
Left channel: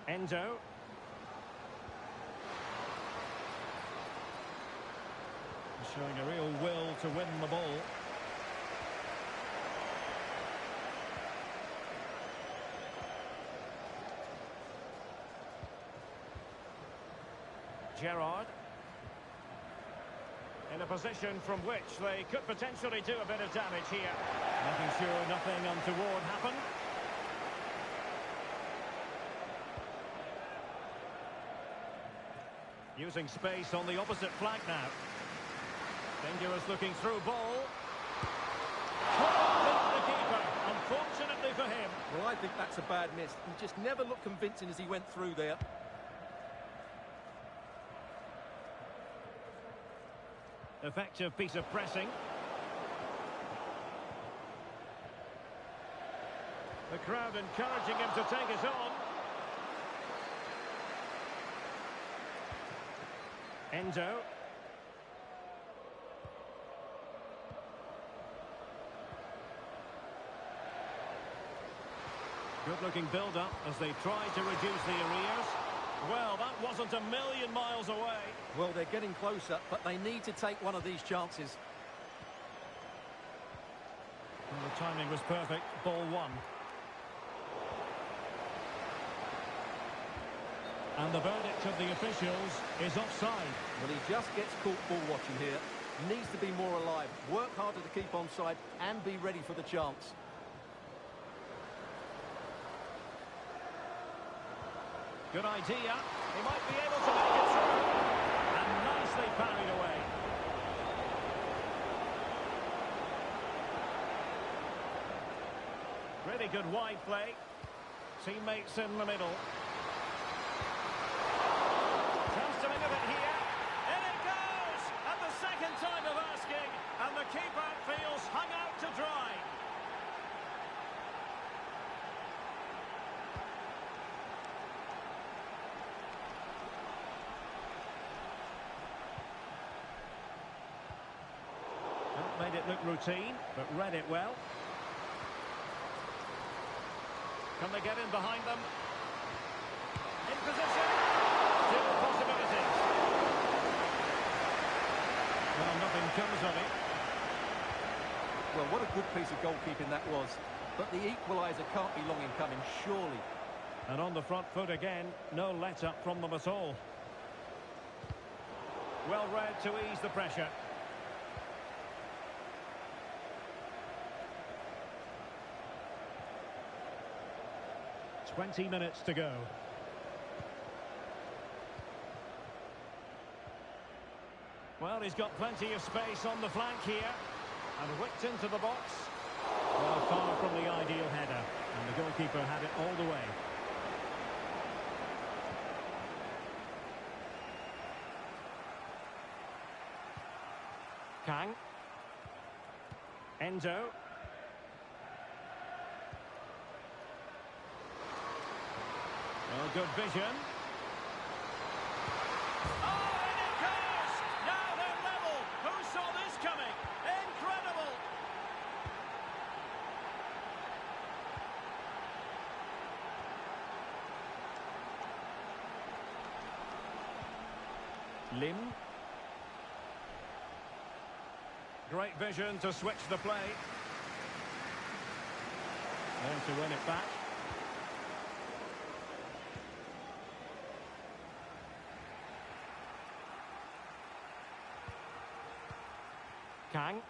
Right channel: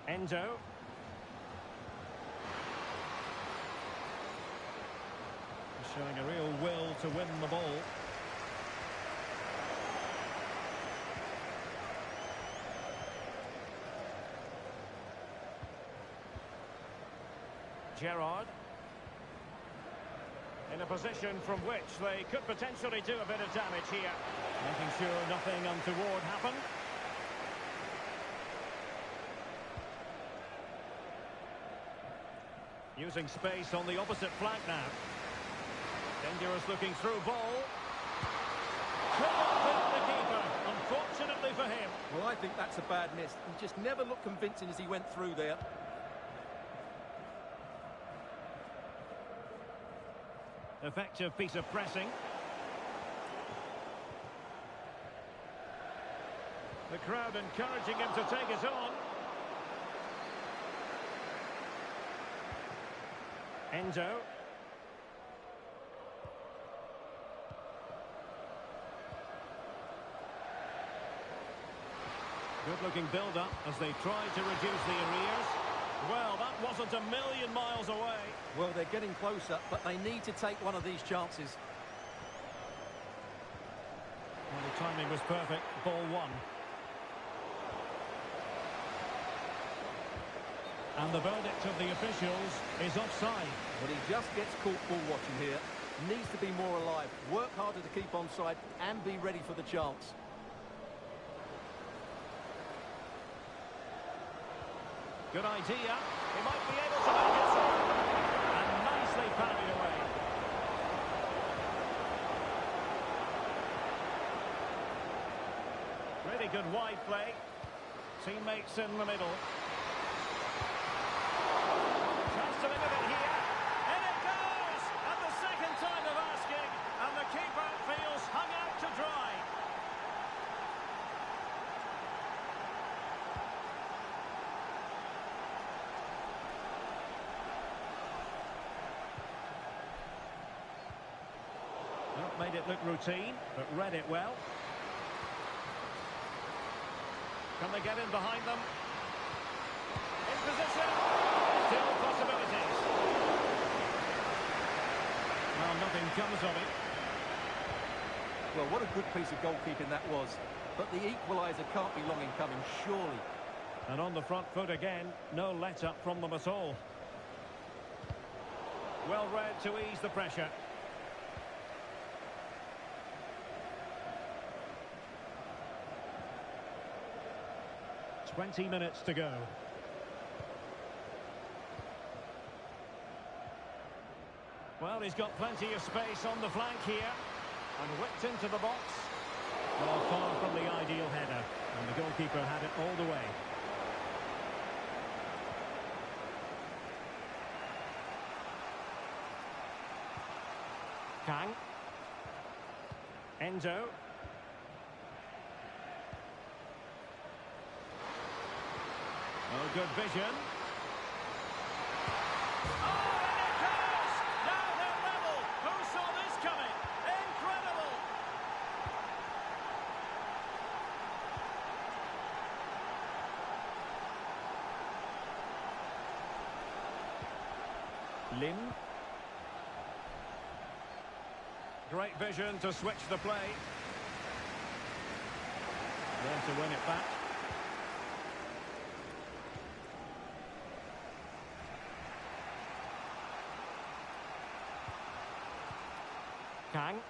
Endo. Showing a real will to win the ball. Gerrard. In a position from which they could potentially do a bit of damage here. Making sure nothing untoward happened. Using space on the opposite flank now. Dangerous looking through ball. Couldn't beat the keeper, unfortunately for him. Well, I think that's a bad miss. He just never looked convincing as he went through there. Effective piece of pressing. The crowd encouraging him to take it on. Endo. Good-looking build-up as they try to reduce the arrears. Well, that wasn't a million miles away. Well, they're getting closer, but they need to take one of these chances. Well, the timing was perfect. Ball one. And the verdict of the officials is offside. Well, he just gets caught ball watching here. Needs to be more alive, work harder to keep onside and be ready for the chance. Good idea. He might be able to make it through. And nicely parried away. Really good wide play. Teammates in the middle. Chance to win it here. In it goes! At the second time of asking. And the keeper feels hung out to dry. Well, made it look routine, but read it well. Can they get in behind them? In position. Still possibilities. Well, nothing comes of it. Well, what a good piece of goalkeeping that was. But the equaliser can't be long in coming, surely. And on the front foot again, no let-up from them at all. Well read to ease the pressure. "20 minutes to go. Well, he's got plenty of space on the flank here. And whipped into the box. Well, far from the ideal header. And the goalkeeper had it all the way. Kang. Endo. Oh, good vision. Oh, and it goes! Now they're level. Who saw this coming? Incredible! Lim. Great vision to switch the play. Then to win it back. Kang.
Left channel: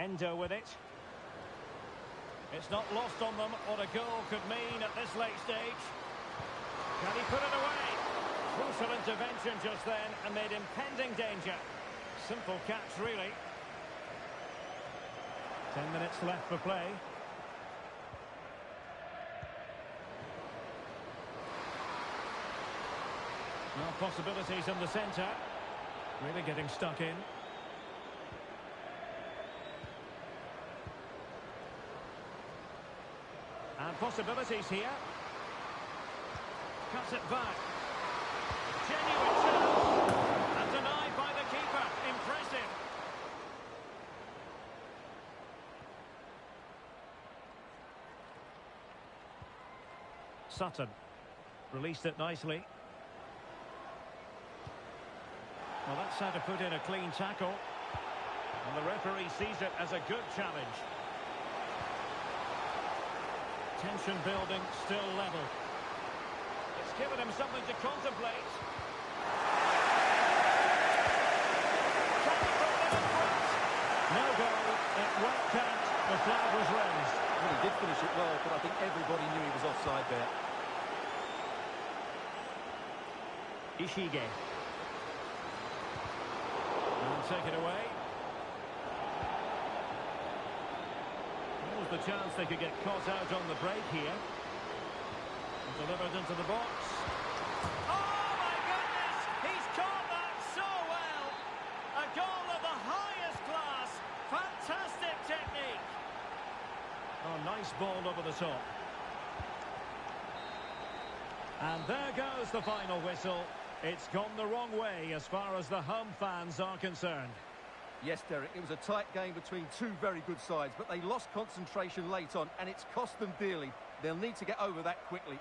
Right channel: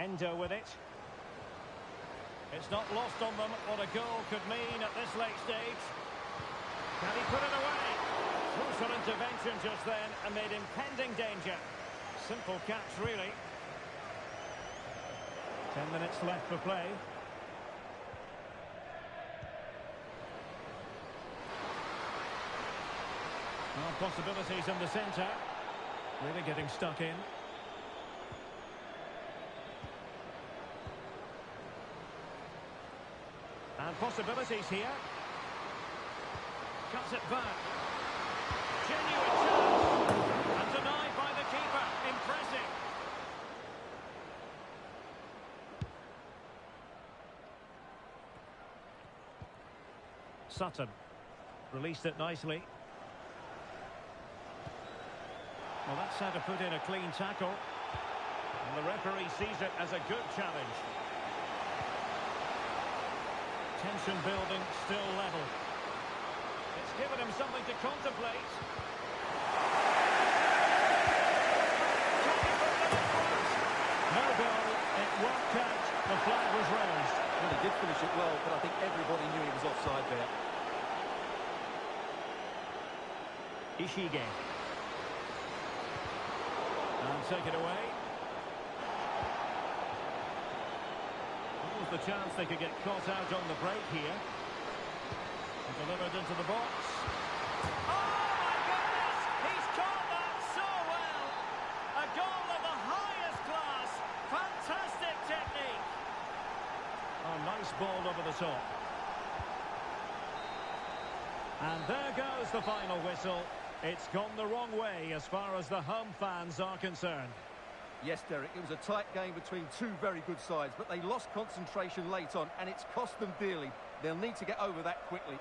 Endo with it. It's not lost on them what a goal could mean at this late stage. Can he put it away? Crucial intervention just then amid impending danger. Simple catch, really. 10 minutes left for play. Well, possibilities in the centre. Really getting stuck in. And possibilities here. Cuts it back. Genuine chance. And denied by the keeper. Impressive. Sutton. Released it nicely. Well, that's how to put in a clean tackle. And the referee sees it as a good challenge. Tension building, still level. It's given him something to contemplate. Can he put them in front? No goal. It won't count. The flag was raised. Well, he did finish it well, but I think everybody knew he was offside there. Ishige. And take it away. What was the chance they could get caught out on the break here? And delivered into the box. Oh, my goodness! He's caught that so well! A goal of the highest class. Fantastic technique. Oh, nice ball over the top. And there goes the final whistle. It's gone the wrong way as far as the home fans are concerned. Yes, Derek, it was a tight game between two very good sides, but they lost concentration late on, and it's cost them dearly. They'll need to get over that quickly.